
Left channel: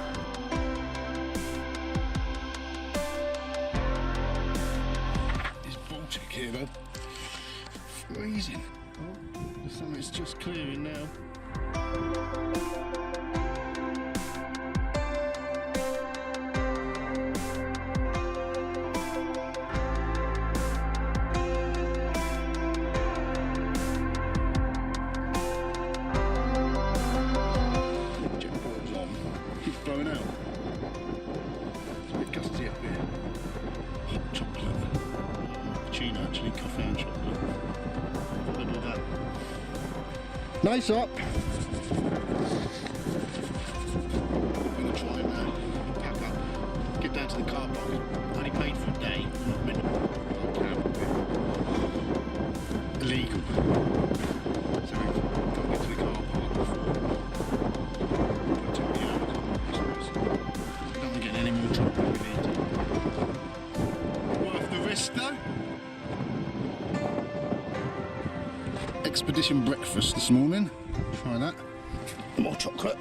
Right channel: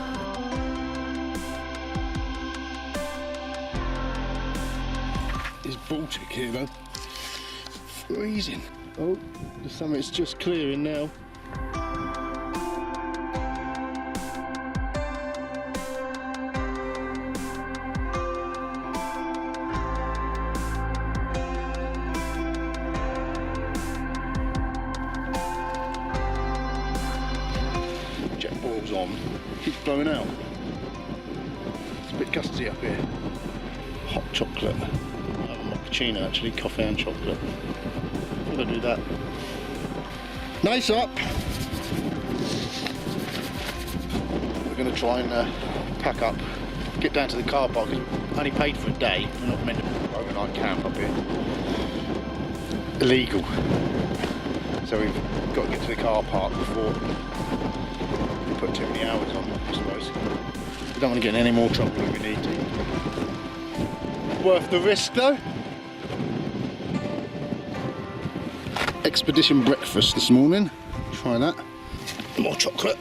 It's Baltic here though. Freezing. Oh, the summit's just clearing now. Keeps blowing out. It's a bit gusty up here. Hot chocolate. Cappuccino actually, coffee and chocolate. I'm gonna do that. Nice up. We're gonna try and pack up, get down to the car park. Only paid for a day. We're not meant to overnight camp up here. Illegal. So we've got to get to the car park before we put too many hours on, I suppose. We don't want to get any more trouble than we need to. Worth the risk though. Expedition breakfast this morning. Try that. More chocolate.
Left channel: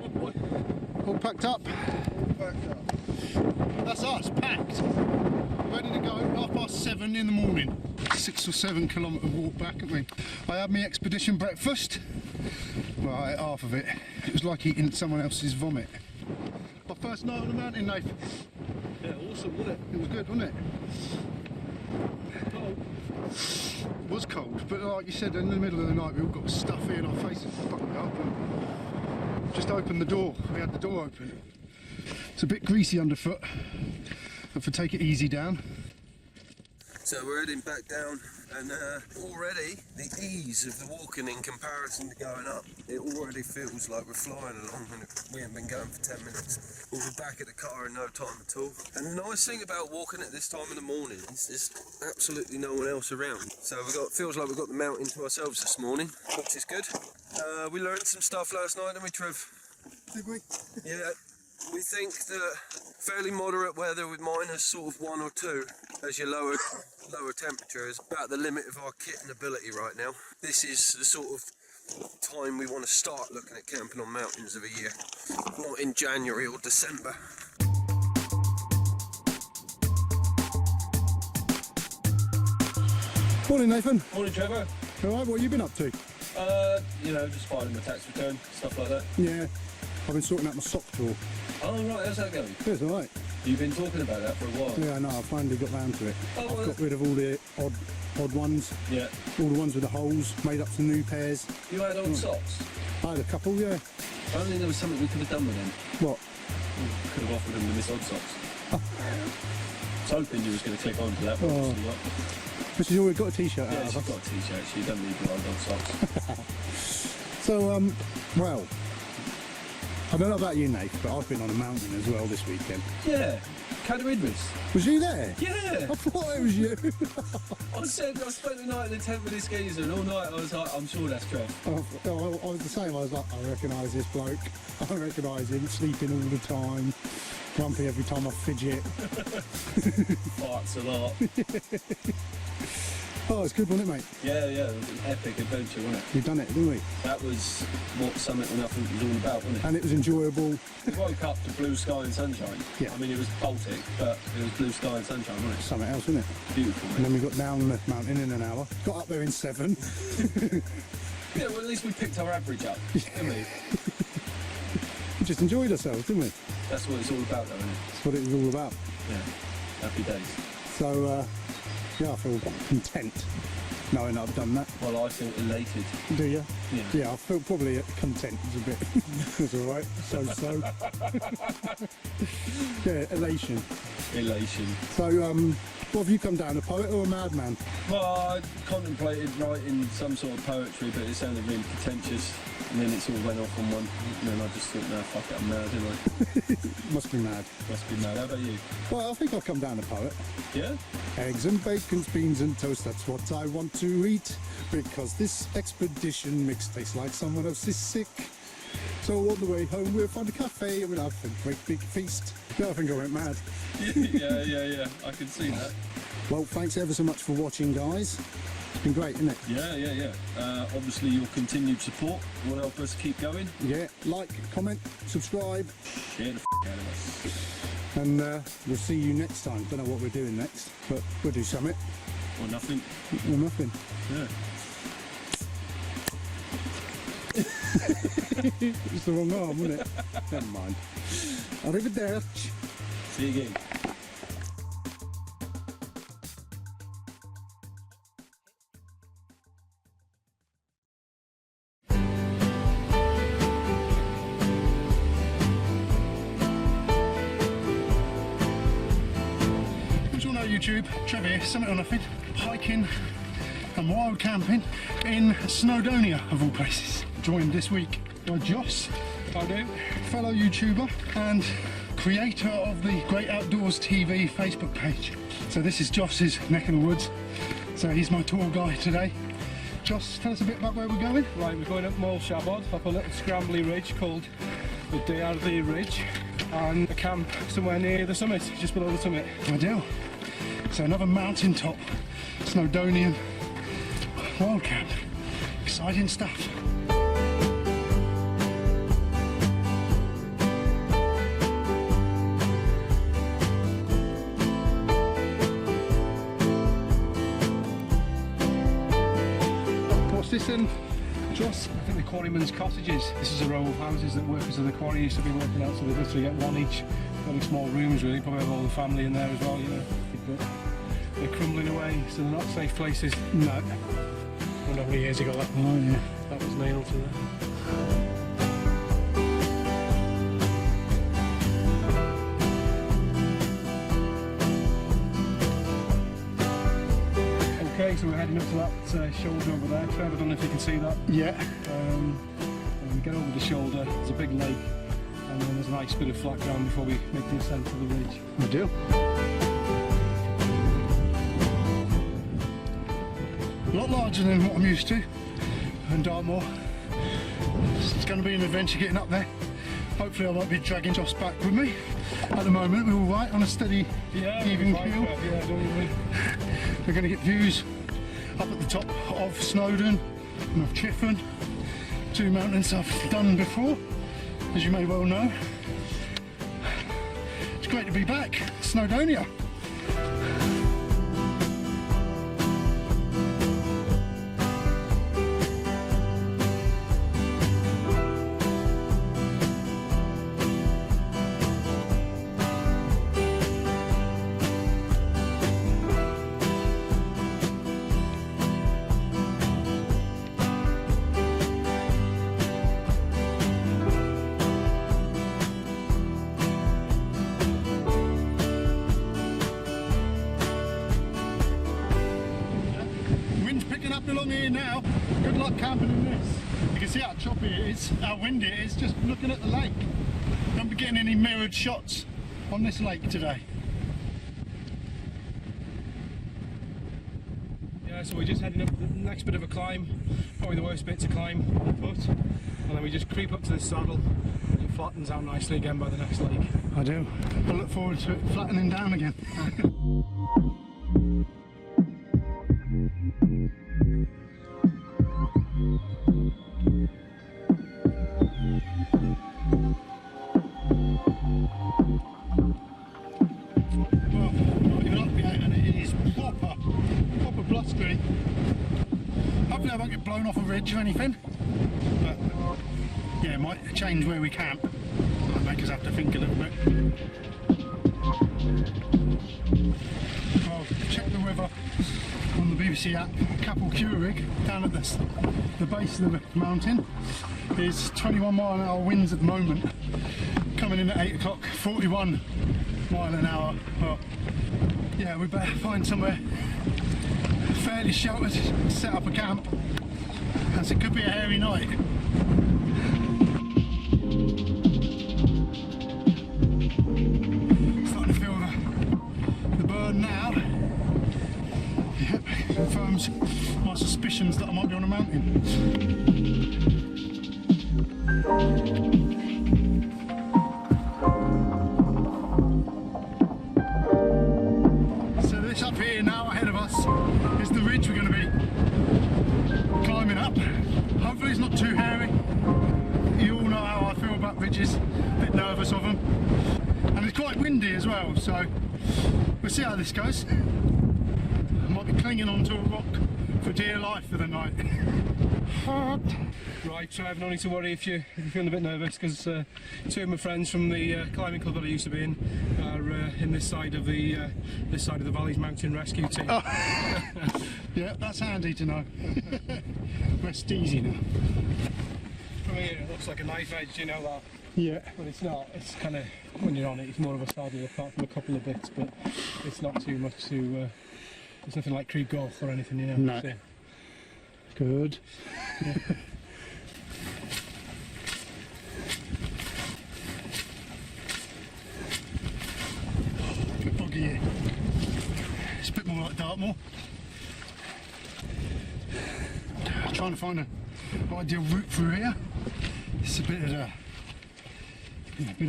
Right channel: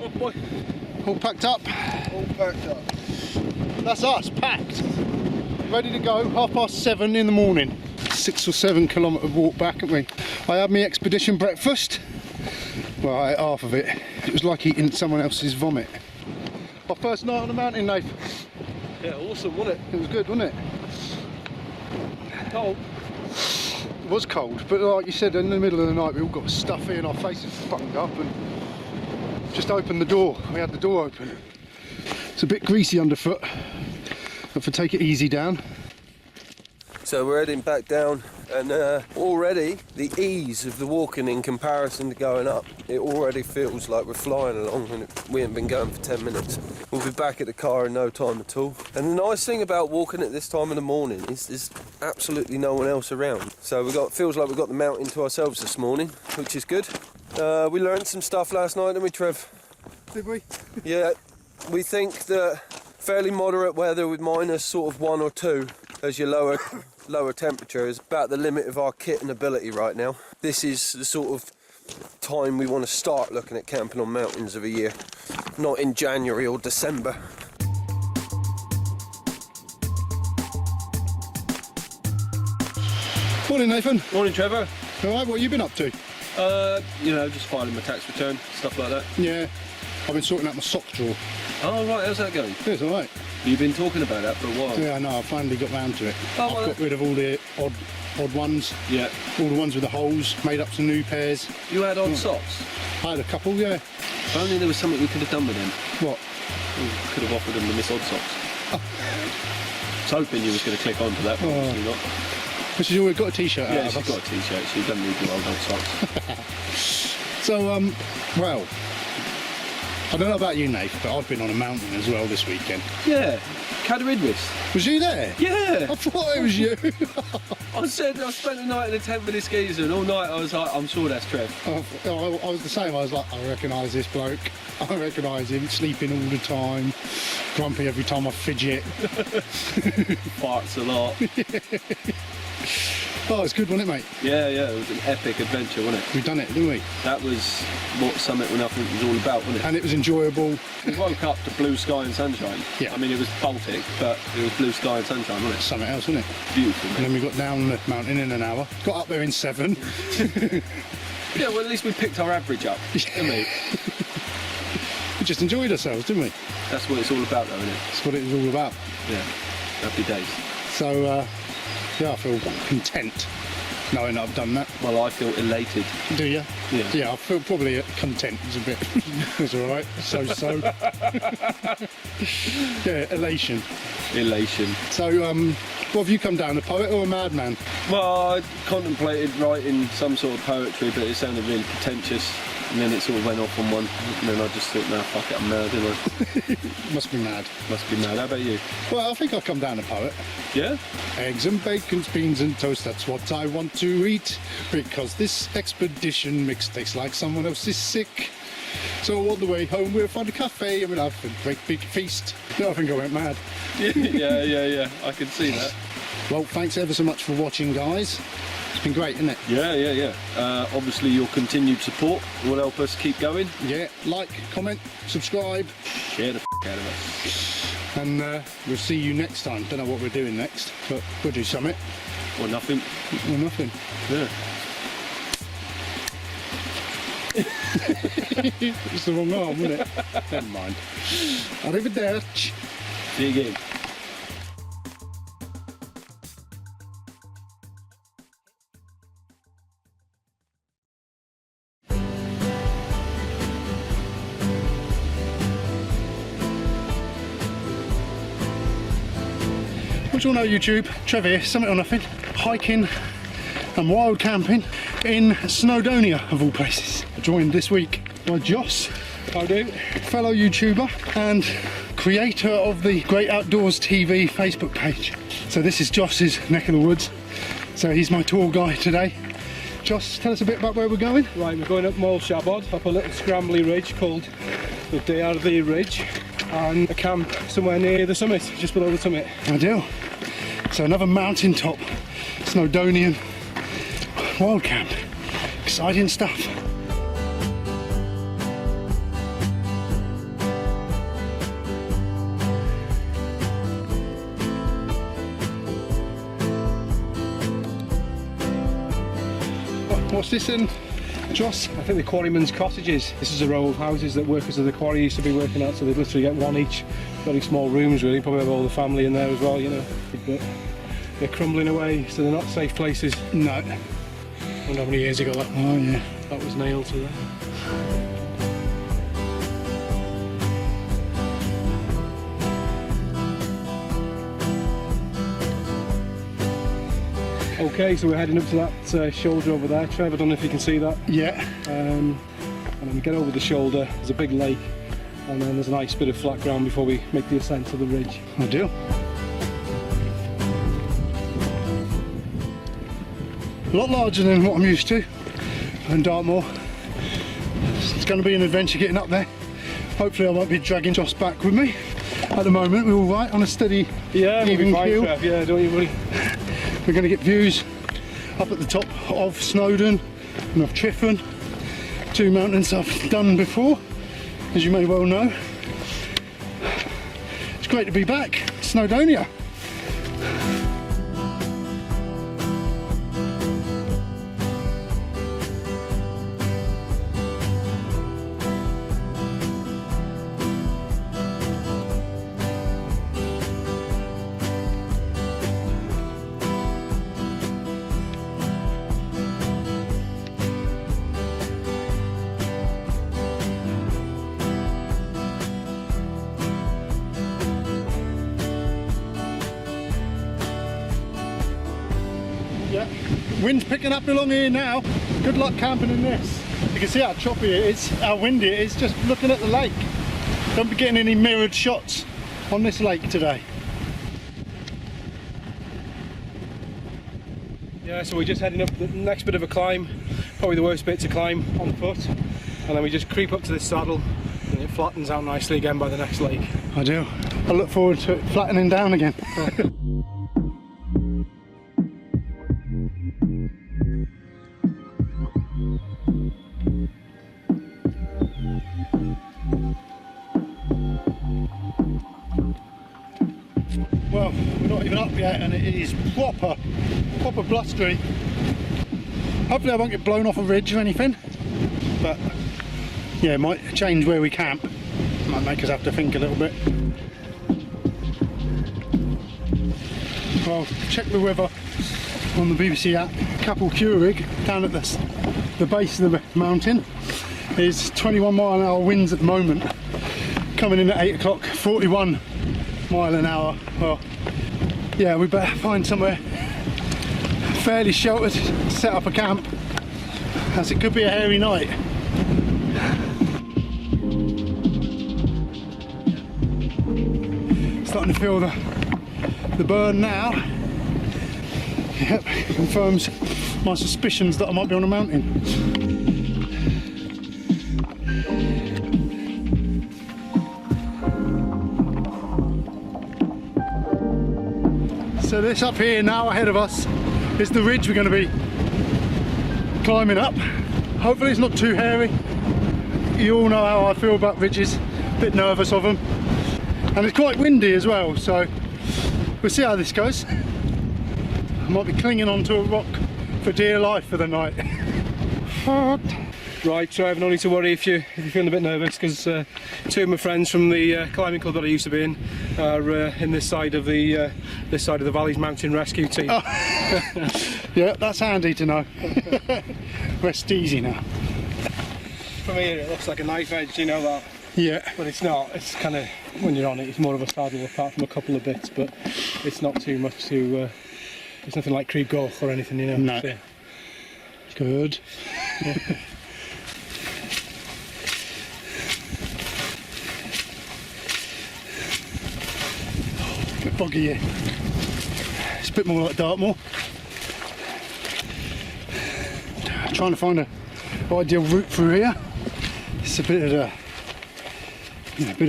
Oh boy. All packed up. All packed up. That's us, packed. Ready to go, 7:30 in the morning. 6 or 7 kilometre walk back, haven't we? I had my expedition breakfast. Well, I ate half of it. It was like eating someone else's vomit. Our first night on the mountain, Nath. Yeah, awesome, wasn't it? It was good, wasn't it? Cold. It was cold, but like you said, in the middle of the night we all got stuffy and our faces buttoned up and just opened the door. We had the door open. It's a bit greasy underfoot, but for take it easy down. So we're heading back down, and already the ease of the walking in comparison to going up, it already feels like we're flying along, and we haven't been going for 10 minutes. We'll be back at the car in no time at all. And the nice thing about walking at this time of the morning is there's absolutely no one else around. So feels like we've got the mountain to ourselves this morning, which is good. We learned some stuff last night, didn't we, Trev? Did we? Yeah, we think that fairly moderate weather with minus sort of 1 or 2 as your lower temperature is about the limit of our kit and ability right now. This is the sort of time we want to start looking at camping on mountains of a year, not in January or December. Morning, Nathan. Morning, Trevor. All right, what have you been up to? You know, just filing my tax return, stuff like that. Yeah, I've been sorting out my sock drawer. Oh, right, how's that going? It's all right. You've been talking about that for a while. Yeah, I know, I finally got round to it. Oh, well, I've got rid of all the odd ones, Yeah. all the ones with the holes, made up some new pairs. You had odd socks? I had a couple, yeah. If only there was something we could have done with them. What? We could have offered them the Miss Odd Socks. I was hoping you was going to click onto that, but obviously not. But she's already got a t-shirt out Yeah, of she's us. got a t-shirt. She doesn't need your old socks. So, well, I don't know about you, Nate, but I've been on a mountain as well this weekend. Yeah, Cadair Idris. Was you there? Yeah. I thought it was you. I spent the night in a tent with this geezer, and all night I was like, I'm sure that's Trev. I was the same. I was like, I recognise this bloke. I recognise him, sleeping all the time, grumpy every time I fidget. Farts a lot. Oh, it's good, wasn't it, mate? Yeah, yeah, it was an epic adventure, wasn't it? We've done it, didn't we? That was what Summit When Nothing was all about, wasn't it? And it was enjoyable. We woke up to blue sky and sunshine. Yeah. I mean, it was Baltic, but it was blue sky and sunshine, wasn't it? Something else, wasn't it? Beautiful, And then mate. we got down the mountain in an hour. Got up there in 7. Yeah, well, at least we picked our average up, didn't we? We just enjoyed ourselves, didn't we? That's what it's all about, though, isn't it? That's what it was all about. Yeah. Happy days. So, yeah, I feel content knowing that I've done that. Well, I feel elated. Do you? Yeah. Yeah, I feel probably content is a bit. It's all right. So. Yeah, elation. Elation. So, what have you come down, a poet or a madman? Well, I contemplated writing some sort of poetry, but it sounded really pretentious. And then it sort of went off on one. And then I just thought, nah, fuck it, I'm mad, didn't I? Must be mad. Must be mad. How about you? Well, I think I'll come down a poet. Yeah? Eggs and bacon, beans and toast, that's what I want to eat. Because this expedition mix tastes like someone else is sick. So on the way home we'll find a cafe and we'll have a great big feast. Yeah, I think I went mad. yeah. I can see that. Well, thanks ever so much for watching, guys. It's been great, isn't it? Yeah. Obviously your continued support will help us keep going. Yeah, like, comment, subscribe, Share the out of us. and we'll see you next time. Don't know what we're doing next, but we'll do something Or nothing. or nothing. Yeah. It's the wrong arm, wasn't it? Never mind. Arrivederci. See you again. What do you all know, YouTube? Trevor here, Summit or Nothing, hiking and wild camping in Snowdonia, of all places. Joined this week by Joss. How do? Fellow YouTuber and creator of the Great Outdoors TV Facebook page. So this is Joss's neck of the woods. So he's my tour guide today. Joss, tell us a bit about where we're going. Right, we're going up Moel Siabod, up a little scrambly ridge called the Cadair Idris Ridge, and a camp somewhere near the summit, just below the summit. Ideal. So another mountaintop Snowdonian wild camp. Exciting stuff. What's this in, Joss? I think the quarrymen's cottages. This is a row of houses that workers of the quarry used to be working at, so they literally get one each. Very small rooms really, probably have all the family in there as well, you know. But they're crumbling away, so they're not safe places. No. I don't know how many years ago that, Oh yeah. that was nailed to them. Okay, so we're heading up to that shoulder over there. Trev, I don't know if you can see that. Yeah. And then we get over the shoulder, there's a big lake, and then there's a nice bit of flat ground before we make the ascent to the ridge. Ideal. A lot larger than what I'm used to in Dartmoor. It's going to be an adventure getting up there. Hopefully I won't be dragging Joss back with me. At the moment we're all right on a steady, Yeah, even we'll be keel. fine, Trev. Yeah, don't you worry. We're going to get views up at the top of Snowdon and of Triffin. 2 mountains I've done before, as you may well know. It's great to be back, Snowdonia. Wind's picking up along here now. Good luck camping in this. You can see how choppy it is, how windy it is, just looking at the lake. Don't be getting any mirrored shots on this lake today. Yeah, so we're just heading up the next bit of a climb, probably the worst bit to climb on foot, and then we just creep up to this saddle and it flattens out nicely again by the next lake. I do. I look forward to it flattening down again. Well, we're not even up yet and it is proper blustery. Hopefully I won't get blown off a ridge or anything, but yeah, it might change where we camp. Might make us have to think a little bit. Well, check the weather on the BBC app. Capel Curig down at the base of the mountain is 21 mile an hour winds at the moment, coming in at 8 o'clock, 41 mile an hour. Well, yeah, we better find somewhere fairly sheltered to set up a camp, as it could be a hairy night. Starting to feel the burn now. Yep, confirms my suspicions that I might be on a mountain. So this up here now ahead of us is the ridge we're going to be climbing up. Hopefully it's not too hairy. You all know how I feel about ridges, a bit nervous of them. And it's quite windy as well, so we'll see how this goes. I might be clinging onto a rock for dear life for the night. Right, so I have no need to worry if you're feeling a bit nervous, because two of my friends from the climbing club that I used to be in are in this side of the Valley's mountain rescue team. Oh. Yeah, that's handy to know. Rest easy now. From here it looks like a knife edge, you know that? Yeah. But it's not. It's kind of, when you're on it, it's more of a saddle apart from a couple of bits, but it's not too much to. It's nothing like Creed Goch or anything, you know. No. So, Good. yeah. A bit boggy here. It's a bit more like Dartmoor. Trying to find an ideal route through here. It's a bit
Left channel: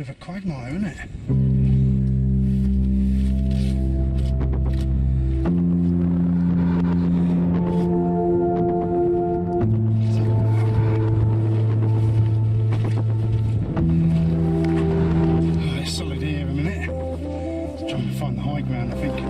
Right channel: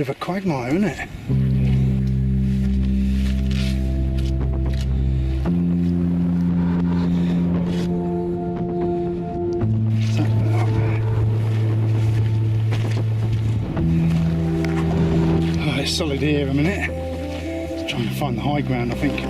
of a quagmire, isn't it? Oh, it's solid here a minute. Trying to find the high ground, I think.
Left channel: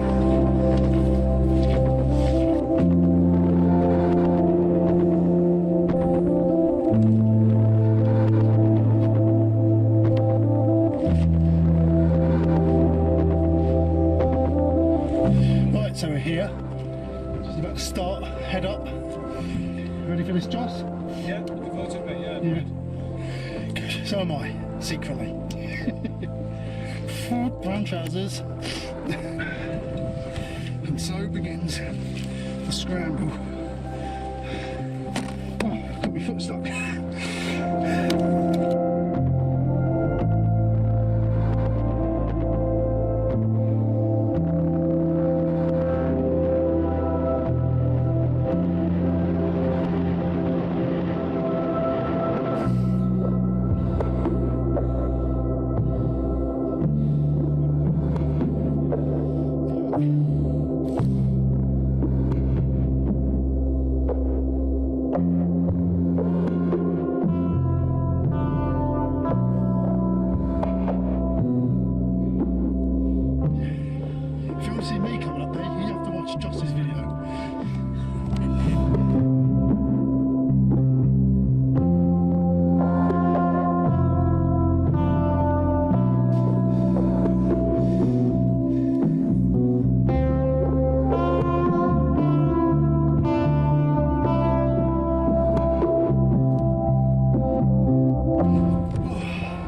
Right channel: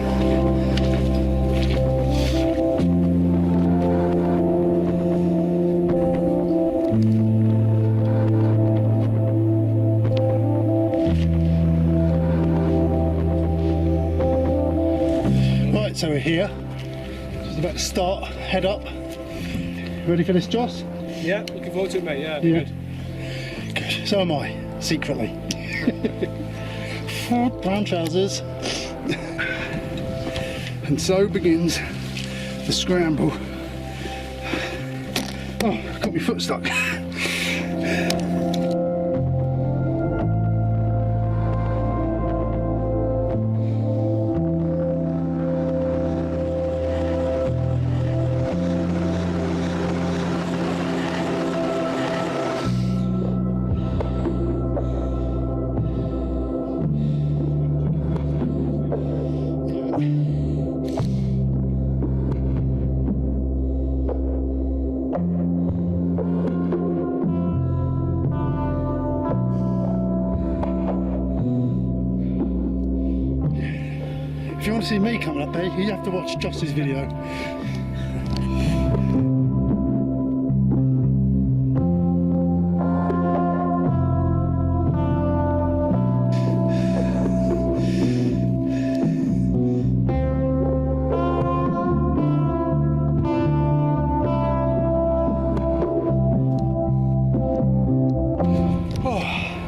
So we're here, just about to start, head up. Ready for this, Joss? Yeah, looking forward to it, mate. Yeah, Yeah. Good. So am I, secretly. Brown trousers. And so begins the scramble. Oh, I've got my foot stuck. If you want to see me coming up there, you have to watch Joss's video.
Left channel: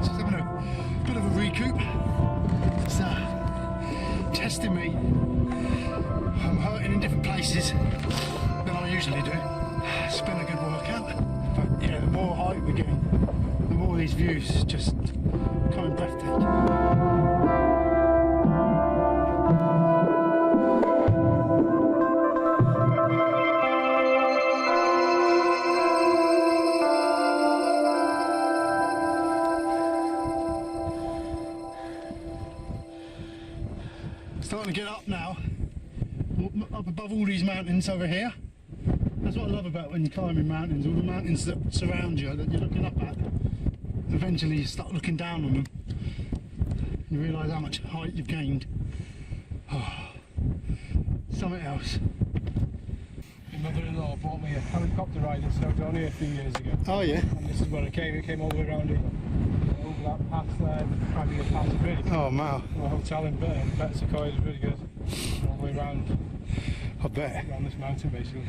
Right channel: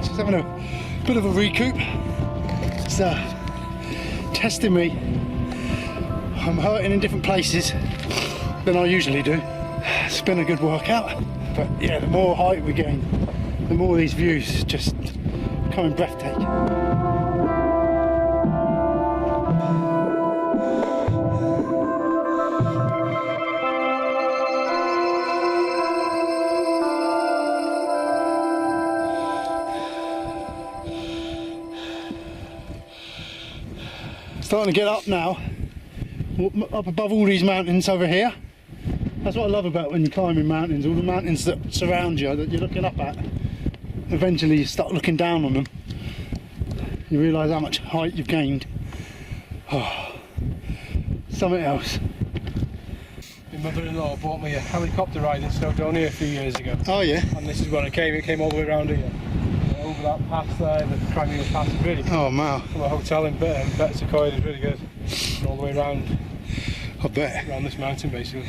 Just having a bit of a recoup. It's testing me. I'm hurting in different places than I usually do. It's been a good workout, but yeah, the more height we gain, the more these views just becoming breathtaking. Starting to get up now, up above all these mountains over here. That's what I love about when you're climbing mountains, all the mountains that surround you, that you're looking up at. Eventually you start looking down on them. You realise how much height you've gained. Oh, something else. My mother-in-law bought me a helicopter ride in Snowdonia a few years ago. Oh yeah? And this is where it came all the way around here. Over that pass there, the Crimea Pass is really cool. Oh wow. From a hotel in Betsacoy is really good. And all the way around. I bet. Around this mountain basically.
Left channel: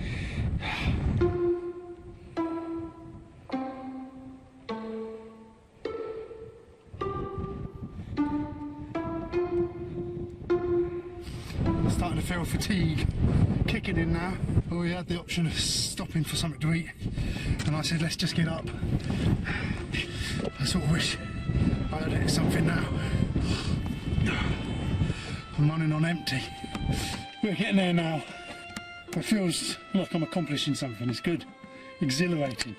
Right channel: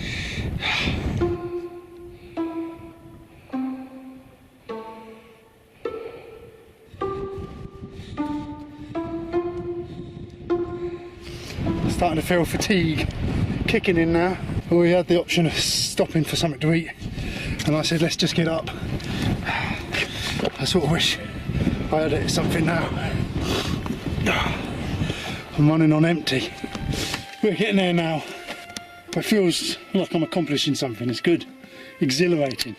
Starting to feel fatigue kicking in now. But we had the option of stopping for something to eat, and I said let's just get up. I sort of wish I had it something now. I'm running on empty. We're getting there now. It feels like I'm accomplishing something. It's good, exhilarating.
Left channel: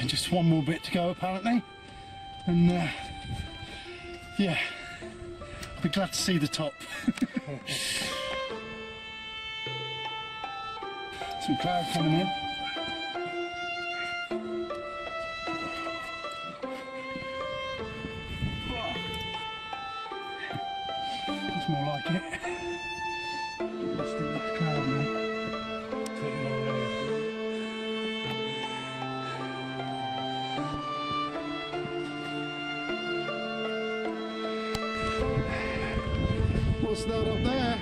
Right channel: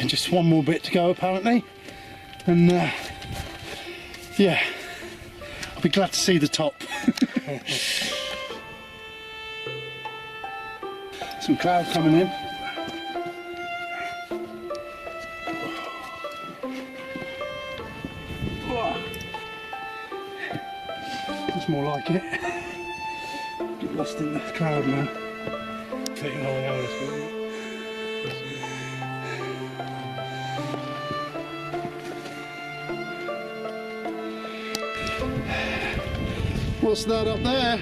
And just one more bit to go apparently, and yeah, I'll be glad to see the top. Some cloud coming in. That's more like it. Get lost in the cloud now. Taking all hours. What's that up there?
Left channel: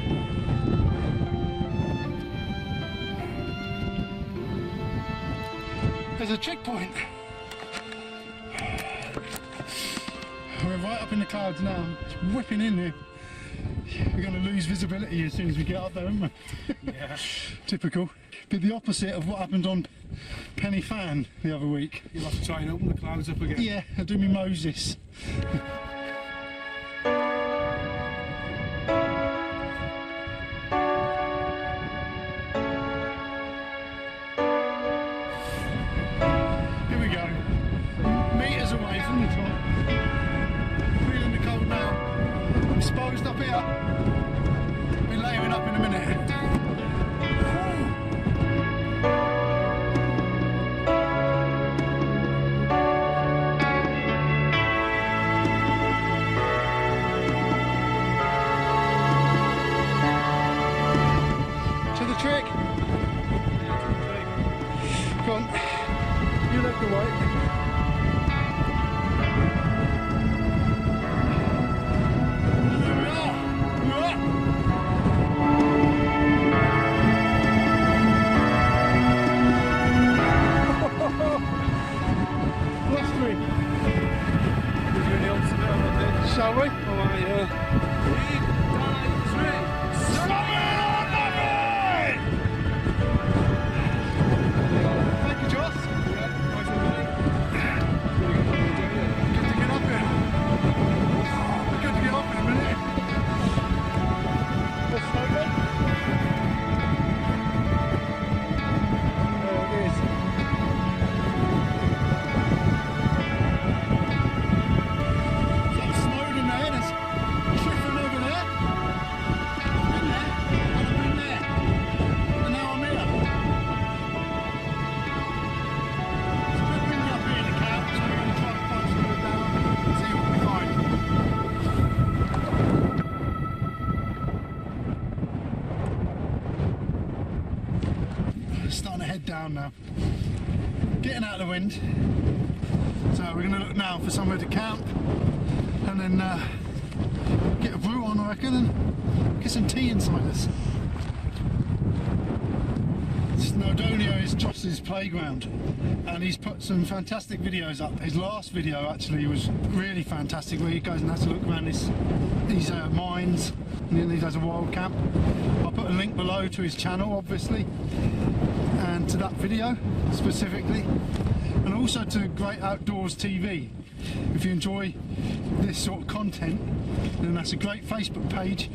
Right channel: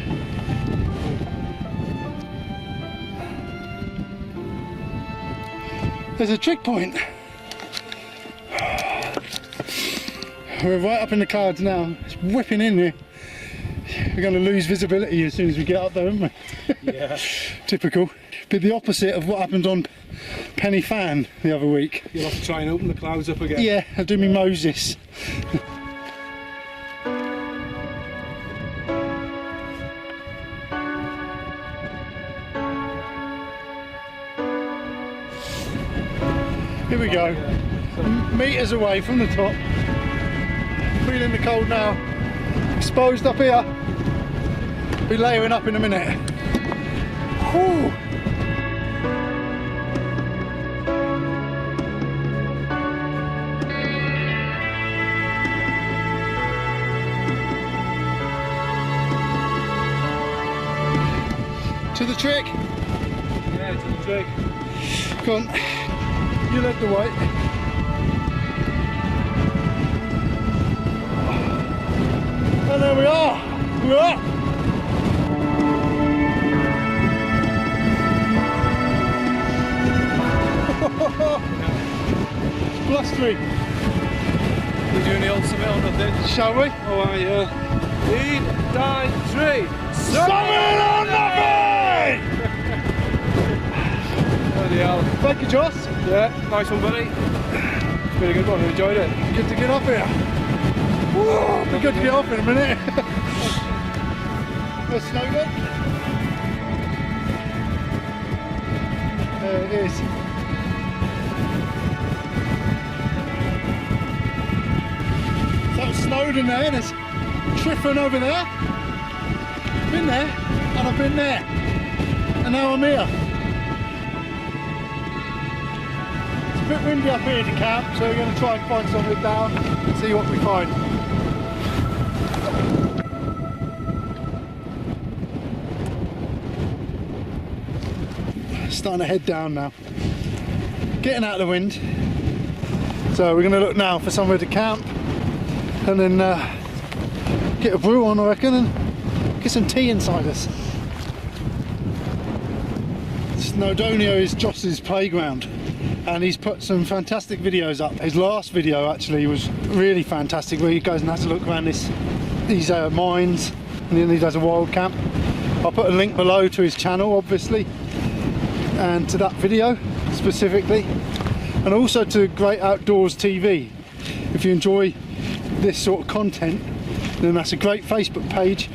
There's a trick point. We're right up in the clouds now. It's whipping in here. We're going to lose visibility as soon as we get up there, aren't we? Yeah. Typical. Bit the opposite of what happened on Penny Fan the other week. You'll have to try and open the clouds up again. Yeah, I'll do me Moses. Here we go, metres away from the top, feeling the cold now, exposed up here, be layering up in a minute. Whew. To the trick? Yeah, to the trick. Go on. You left the white. And there we are. We're up. Blustery. We're doing the old summit on the thing. Shall we? Oh, yeah. Lead, die, 3. Summit on nothing! Bloody hell. Thank you, Joss. Yeah, nice one, buddy. It's been a good one, we enjoyed it. Good to get up here. Whoa, be good to get off in a minute. Let's see a bit. There it is. So that was Snowdon there, there's Triffin over there. I've been there, and I've been there. And now I'm here. It's a bit windy up here to camp, so we're going to try and find somewhere down and see what we find. Starting to head down now. Getting out of the wind. So we're going to look now for somewhere to camp and then get a brew on, I reckon, and get some tea inside us. Snowdonia is Joss's playground, and he's put some fantastic videos up. His last video actually was really fantastic, where he goes and has a look around these mines, and then he does a wild camp. I'll put a link below to his channel, obviously, and to that video specifically, and also to Great Outdoors TV. If you enjoy this sort of content, then that's a great Facebook page,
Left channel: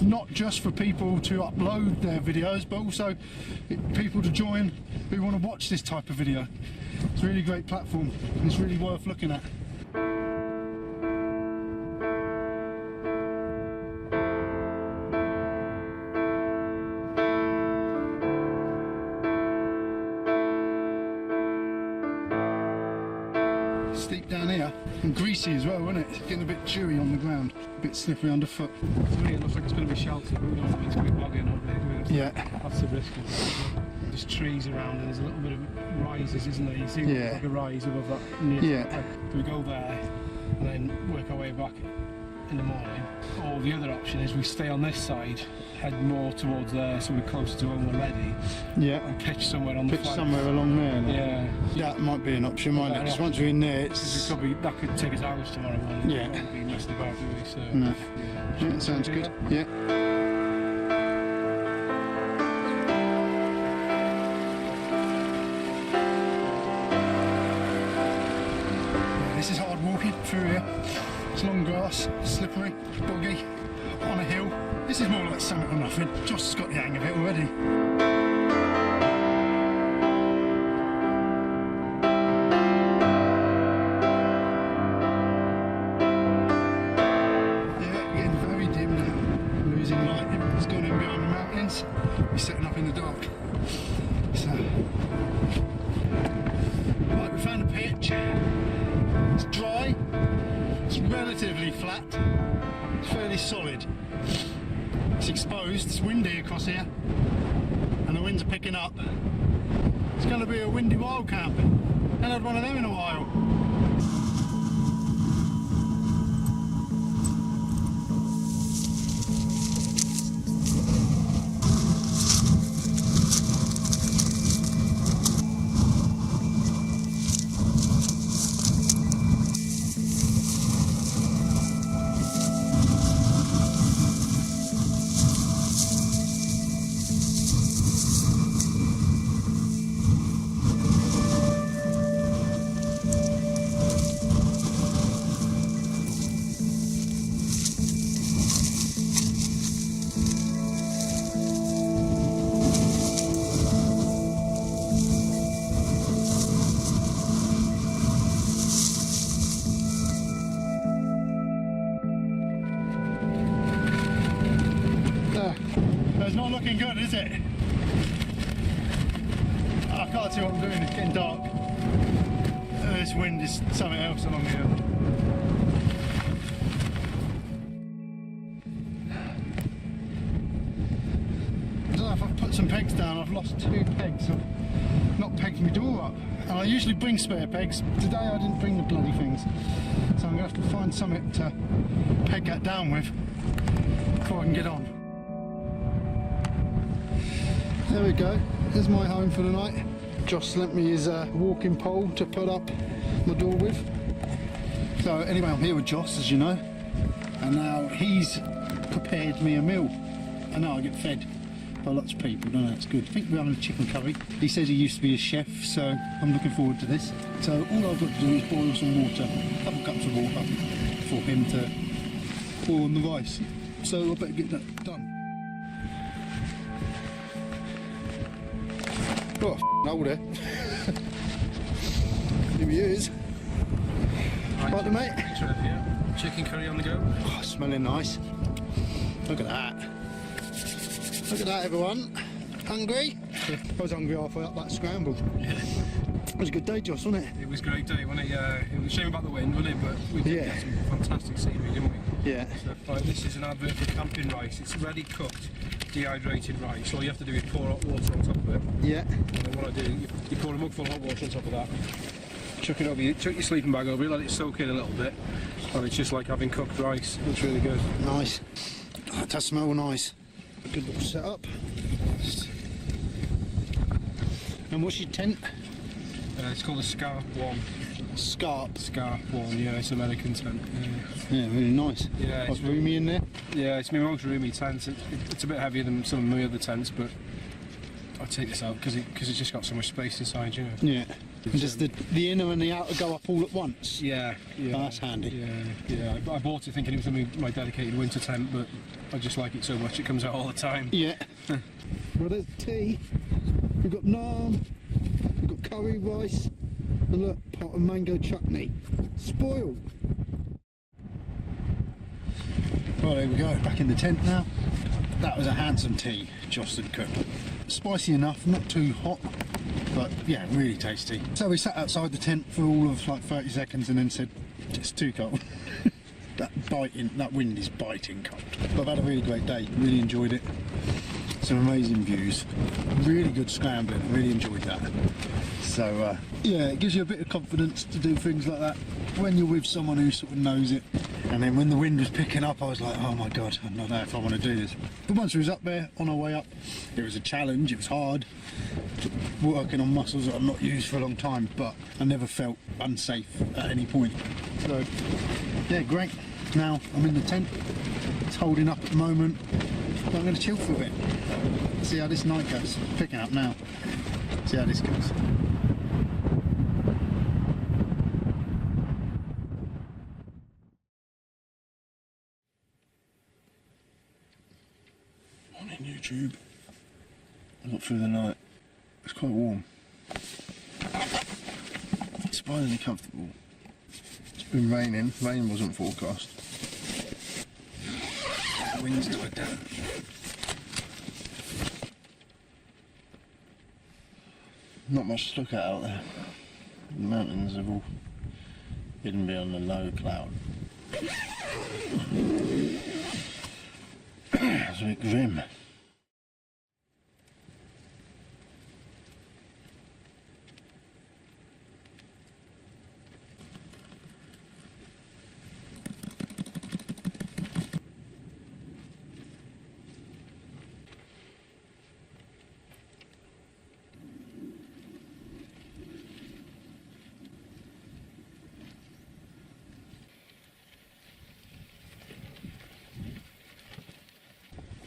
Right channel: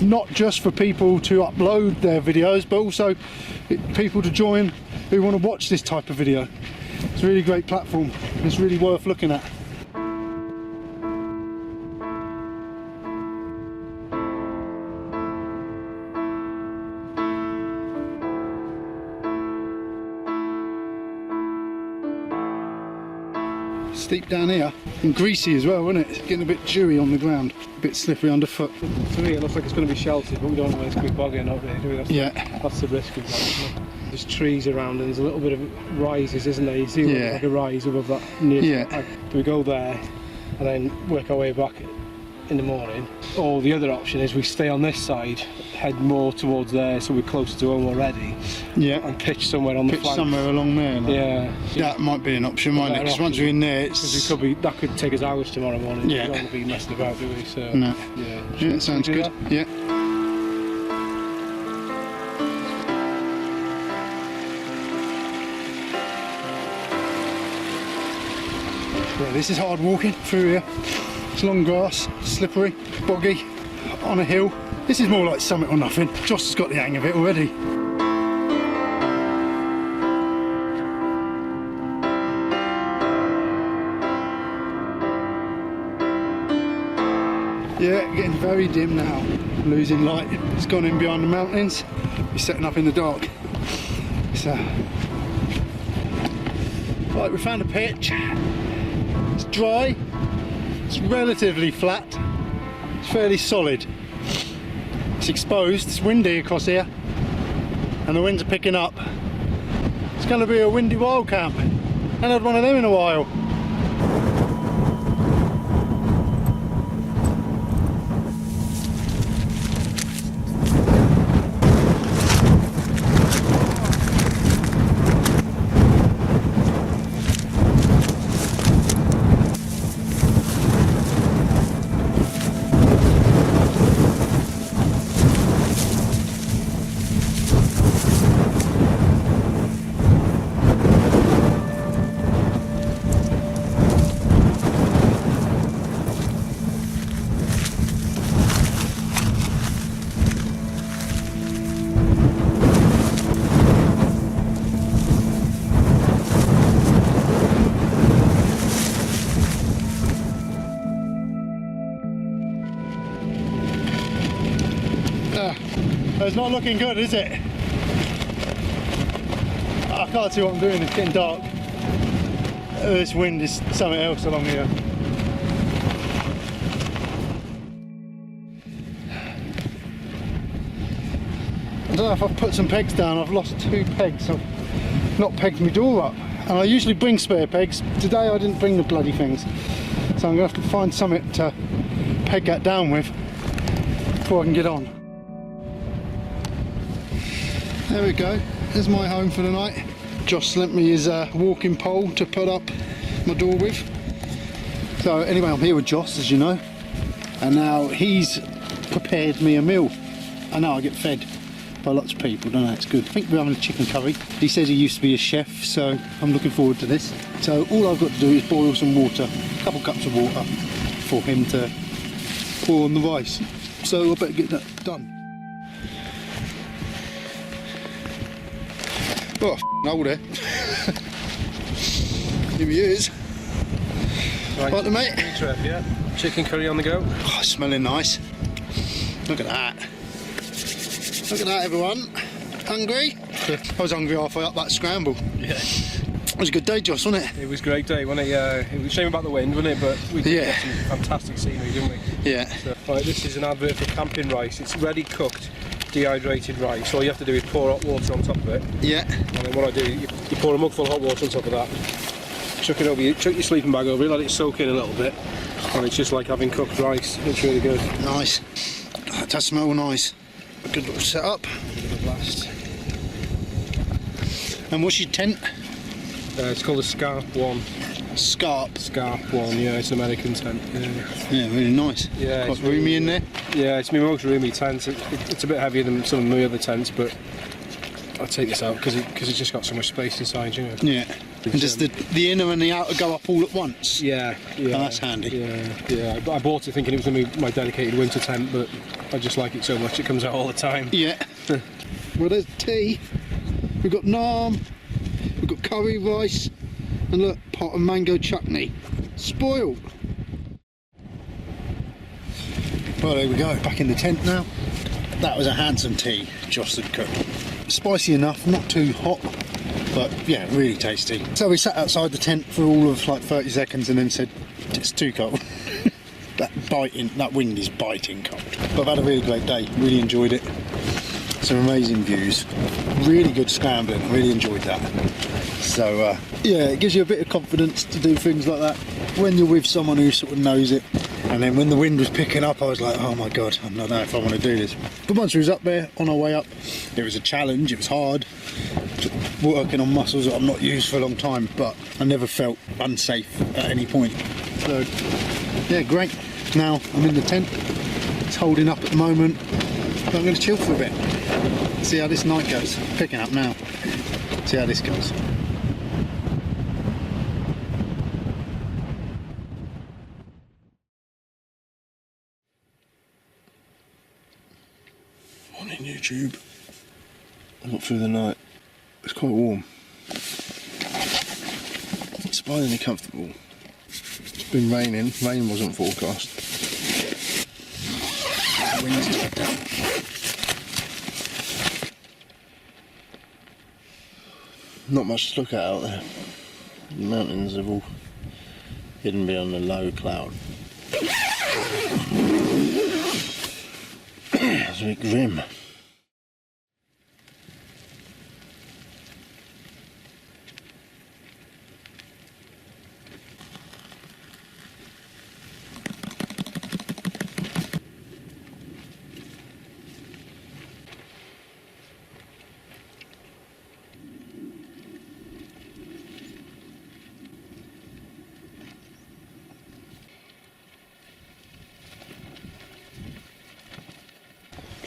not just for people to upload their videos, but also people to join who want to watch this type of video. It's a really great platform, and it's really worth looking at. steep down here and greasy as well, isn't it? It's getting a bit dewy on the ground, a bit slippery underfoot. To me, it looks like it's going to be sheltered, but we don't know whether it's going to be boggy or not, really, do we? That's the risk we've got. Isn't it? There's trees around and there's a little bit of rises, isn't there? You see Yeah. like a rise above that near. Yeah. Do we go there and then work our way back in the morning? Or the other option is we stay on this side, head more towards there so we're closer to home already, Yeah. and pitch somewhere on the Pitch flank. somewhere along there. like. Yeah. That might be an option, mightn't it? better 'Cause once option. we're in there, Because it's... that could take us hours tomorrow morning. Yeah. We don't want to be messing about, do we? So No. yeah. Yeah, Should we sounds do good. that? Yeah. Yeah, this is hard walking through here. It's long grass, slippery, boggy, on a hill. This is more like summit or nothing. Josh has got the hang of it already. Yeah, getting very dim now. Losing light. It's gone in behind the mountains. We're setting up in the dark. So, right, we found a pitch. It's dry. It's relatively flat. It's fairly solid. It's exposed. It's windy across here, and the winds are picking up. It's going to be a windy wild camp. Haven't had one of them in a while. It's not looking good, is it? I can't see what I'm doing, it's getting dark. This wind is something else along here. I don't know if I've put some pegs down. I've lost 2 pegs. I've not pegged my door up. And I usually bring spare pegs. Today I didn't bring the bloody things. So I'm going to have to find something to peg that down with before I can get on. There we go, there's my home for the night. Josh lent me his walking pole to put up my door with. So anyway, I'm here with Josh, as you know, and now he's prepared me a meal. I know I get fed by lots of people, don't know, it's good. I think we're having a chicken curry. He says he used to be a chef, so I'm looking forward to this. So all I've got to do is boil some water, a couple cups of water, for him to pour on the rice. So I better get that done. Oh, hold it. Here he is. Right, Right, mate. Trip, yeah. Chicken curry on the go. Oh, smelling nice. Look at that. Look at that, everyone. Hungry? I was hungry halfway up that scramble. Yeah. It was a good day, Josh, wasn't it? It was a great day, wasn't it? It was a shame about the wind, wasn't it? But we did Yeah. get some fantastic scenery, didn't we? Yeah. So, right, this is an advert for camping rice. It's ready cooked, dehydrated rice. All you have to do is pour hot water on top of it. Yeah. And then what I do, you pour a mugful of hot water on top of that, chuck it over you, chuck your sleeping bag over it, let it soak in a little bit, and it's just like having cooked rice. It's really good. Nice. That does smell nice. A good little setup. Give it a blast. And what's your tent? It's called a Scarp One. Scarp. Scarp One, yeah, it's an American tent. Yeah, Yeah, really nice. yeah, Quite roomy in there. Yeah, it's my most roomy tent. It's a bit heavier than some of my other tents, but I'll take this out because it's just got so much space inside, you know. Yeah. And does the inner and the outer go up all at once? Yeah, yeah. Oh, that's handy. Yeah, yeah. I bought it thinking it was going to be my dedicated winter tent, but I just like it so much it comes out all the time. Yeah. Well, there's tea. We've got naan. We've got curry rice. And look, pot of mango chutney. Spoiled. Well, there we go. Back in the tent now. That was a handsome tea Joss had cooked. Spicy enough, not too hot. but yeah, really tasty. So we sat outside the tent for all of like 30 seconds and then said, it's too cold. That wind is biting cold. But I've had a really great day, really enjoyed it. Some amazing views, really good scrambling, I really enjoyed that. So yeah, it gives you a bit of confidence to do things like that when you're with someone who sort of knows it. And then when the wind was picking up, I was like, oh my god, I don't know if I want to do this. But once we was up there, on our way up, it was a challenge, it was hard, working on muscles that I've not used for a long time, but I never felt unsafe at any point. So yeah, great. Now I'm in the tent, it's holding up at the moment, but I'm going to chill for a bit. See how this night goes. Picking up now. See how this goes. Morning YouTube. I got through the night. It's quite warm. Surprisingly comfortable. It's been raining. Rain wasn't forecast. The wind's died down. Not much to look at out there. The mountains have all hidden beyond a low cloud. It's a bit grim.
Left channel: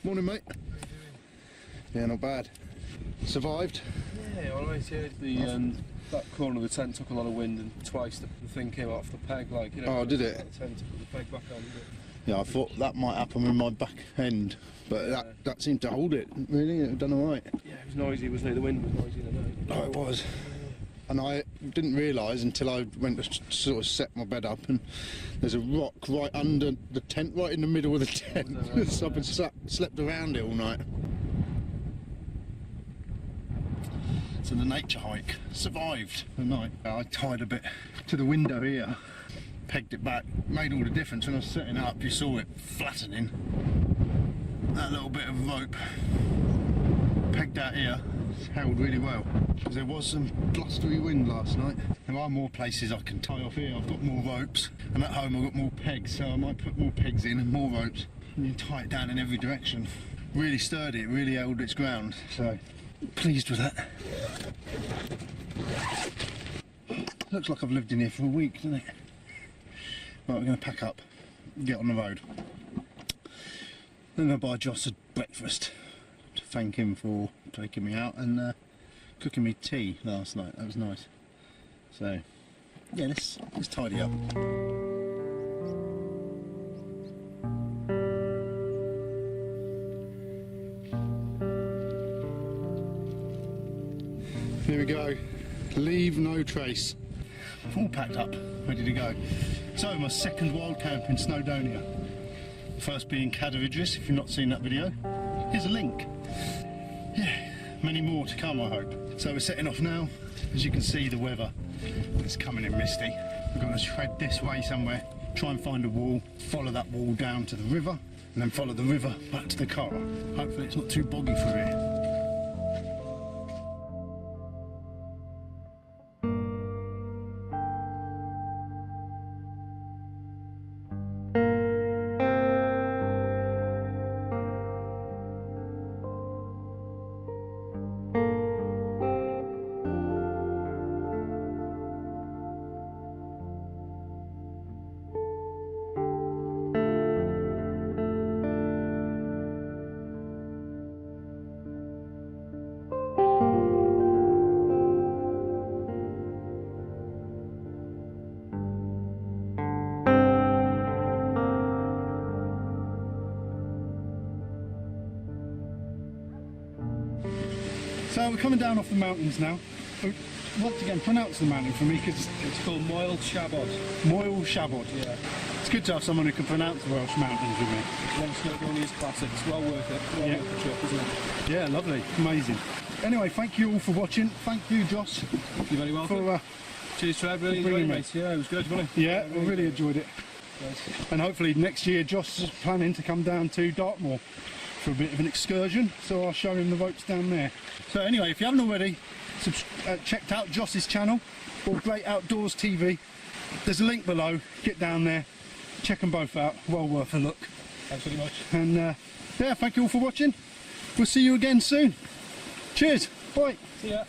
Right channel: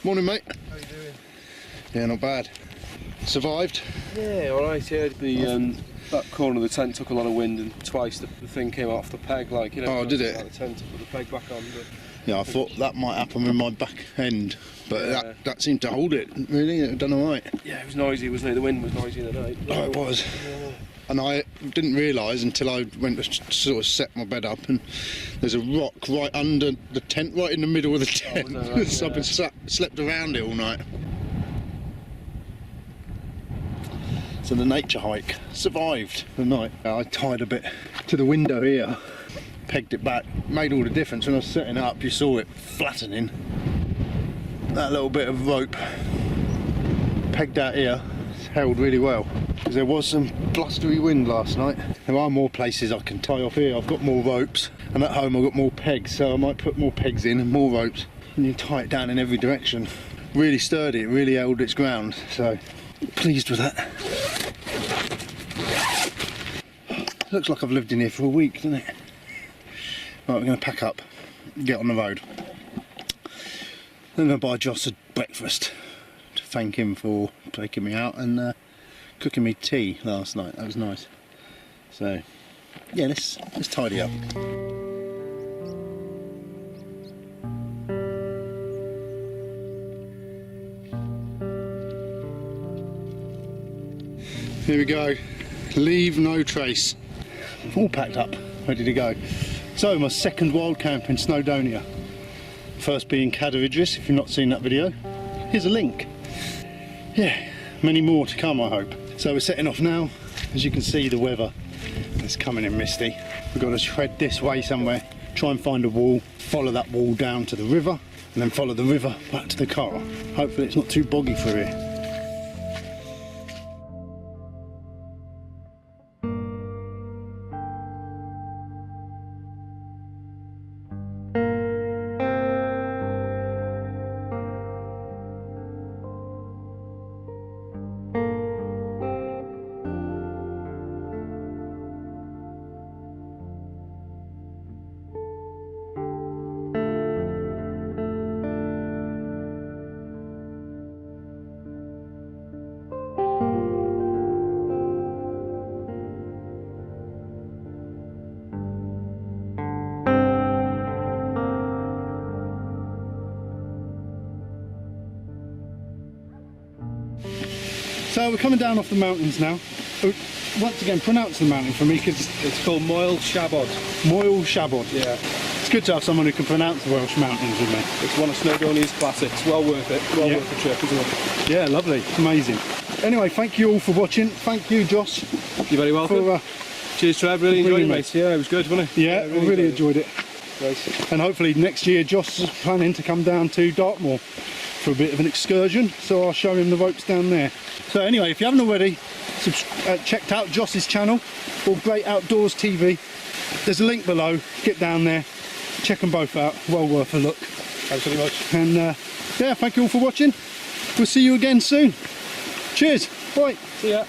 Morning, mate. How you doing? Yeah, not bad. Survived? Yeah, alright, yeah. The that corner of the tent took a lot of wind and twice the thing came off the peg, like, you know. Oh, did it? Out of the tent to put the peg back on, but... Yeah, I thought that might happen with my back end, but Yeah. that seemed to hold it, really. It done alright. Yeah, it was noisy, wasn't it? The wind was noisy in the night. Oh, it was. Yeah. And I didn't realise until I went to sort of set my bed up, and there's a rock right under the tent, right in the middle of the tent. was that right? So I've been Yeah. slept around it all night. So the nature hike survived the night. I tied a bit to the window here, pegged it back, made all the difference. When I was setting up, you saw it flattening. That little bit of rope pegged out here held really well, because there was some blustery wind last night. There are more places I can tie off here. I've got more ropes, and at home I've got more pegs, so I might put more pegs in and more ropes, and you tie it down in every direction. Really sturdy, it really held its ground, so pleased with that. Looks like I've lived in here for a week, doesn't it? Right, we're going to pack up, get on the road. Then I'm going to buy Joss a breakfast to thank him for taking me out and cooking me tea last night. That was nice. So yeah, let's tidy up. Here we go. Leave no trace. All packed up, ready to go. So my second wild camp in Snowdonia. First being Cadair Idris. If you've not seen that video, here's a link. Yeah, many more to come, I hope. So we're setting off now. As you can see, the weather is coming in misty. We've got to tread this way somewhere, try and find a wall, follow that wall down to the river, and then follow the river back to the car. Hopefully it's not too boggy for here. So we're coming down off the mountains now. Once again, pronounce the mountain for me, because It's called Moel Siabod. Moel Siabod. Yeah. It's good to have someone who can pronounce the Welsh mountains with me. It's one of Snowdonia's classics. Well worth it. Well Yeah. worth the trip, isn't it? Yeah, lovely, amazing. Anyway, thank you all for watching. Thank you, Joss. You're very welcome. For, cheers, Trev. Really enjoyed it, mate. Yeah, it was good, wasn't it? yeah, I really enjoyed it. Great. And hopefully next year Joss is planning to come down to Dartmoor for a bit of an excursion, so I'll show him the ropes down there. So anyway, if you haven't already checked out Joss's channel or Great Outdoors TV, there's a link below. Get down there, check them both out, well worth a look. Thanks very much. And yeah, thank you all for watching. We'll see you again soon. Cheers, bye. See ya.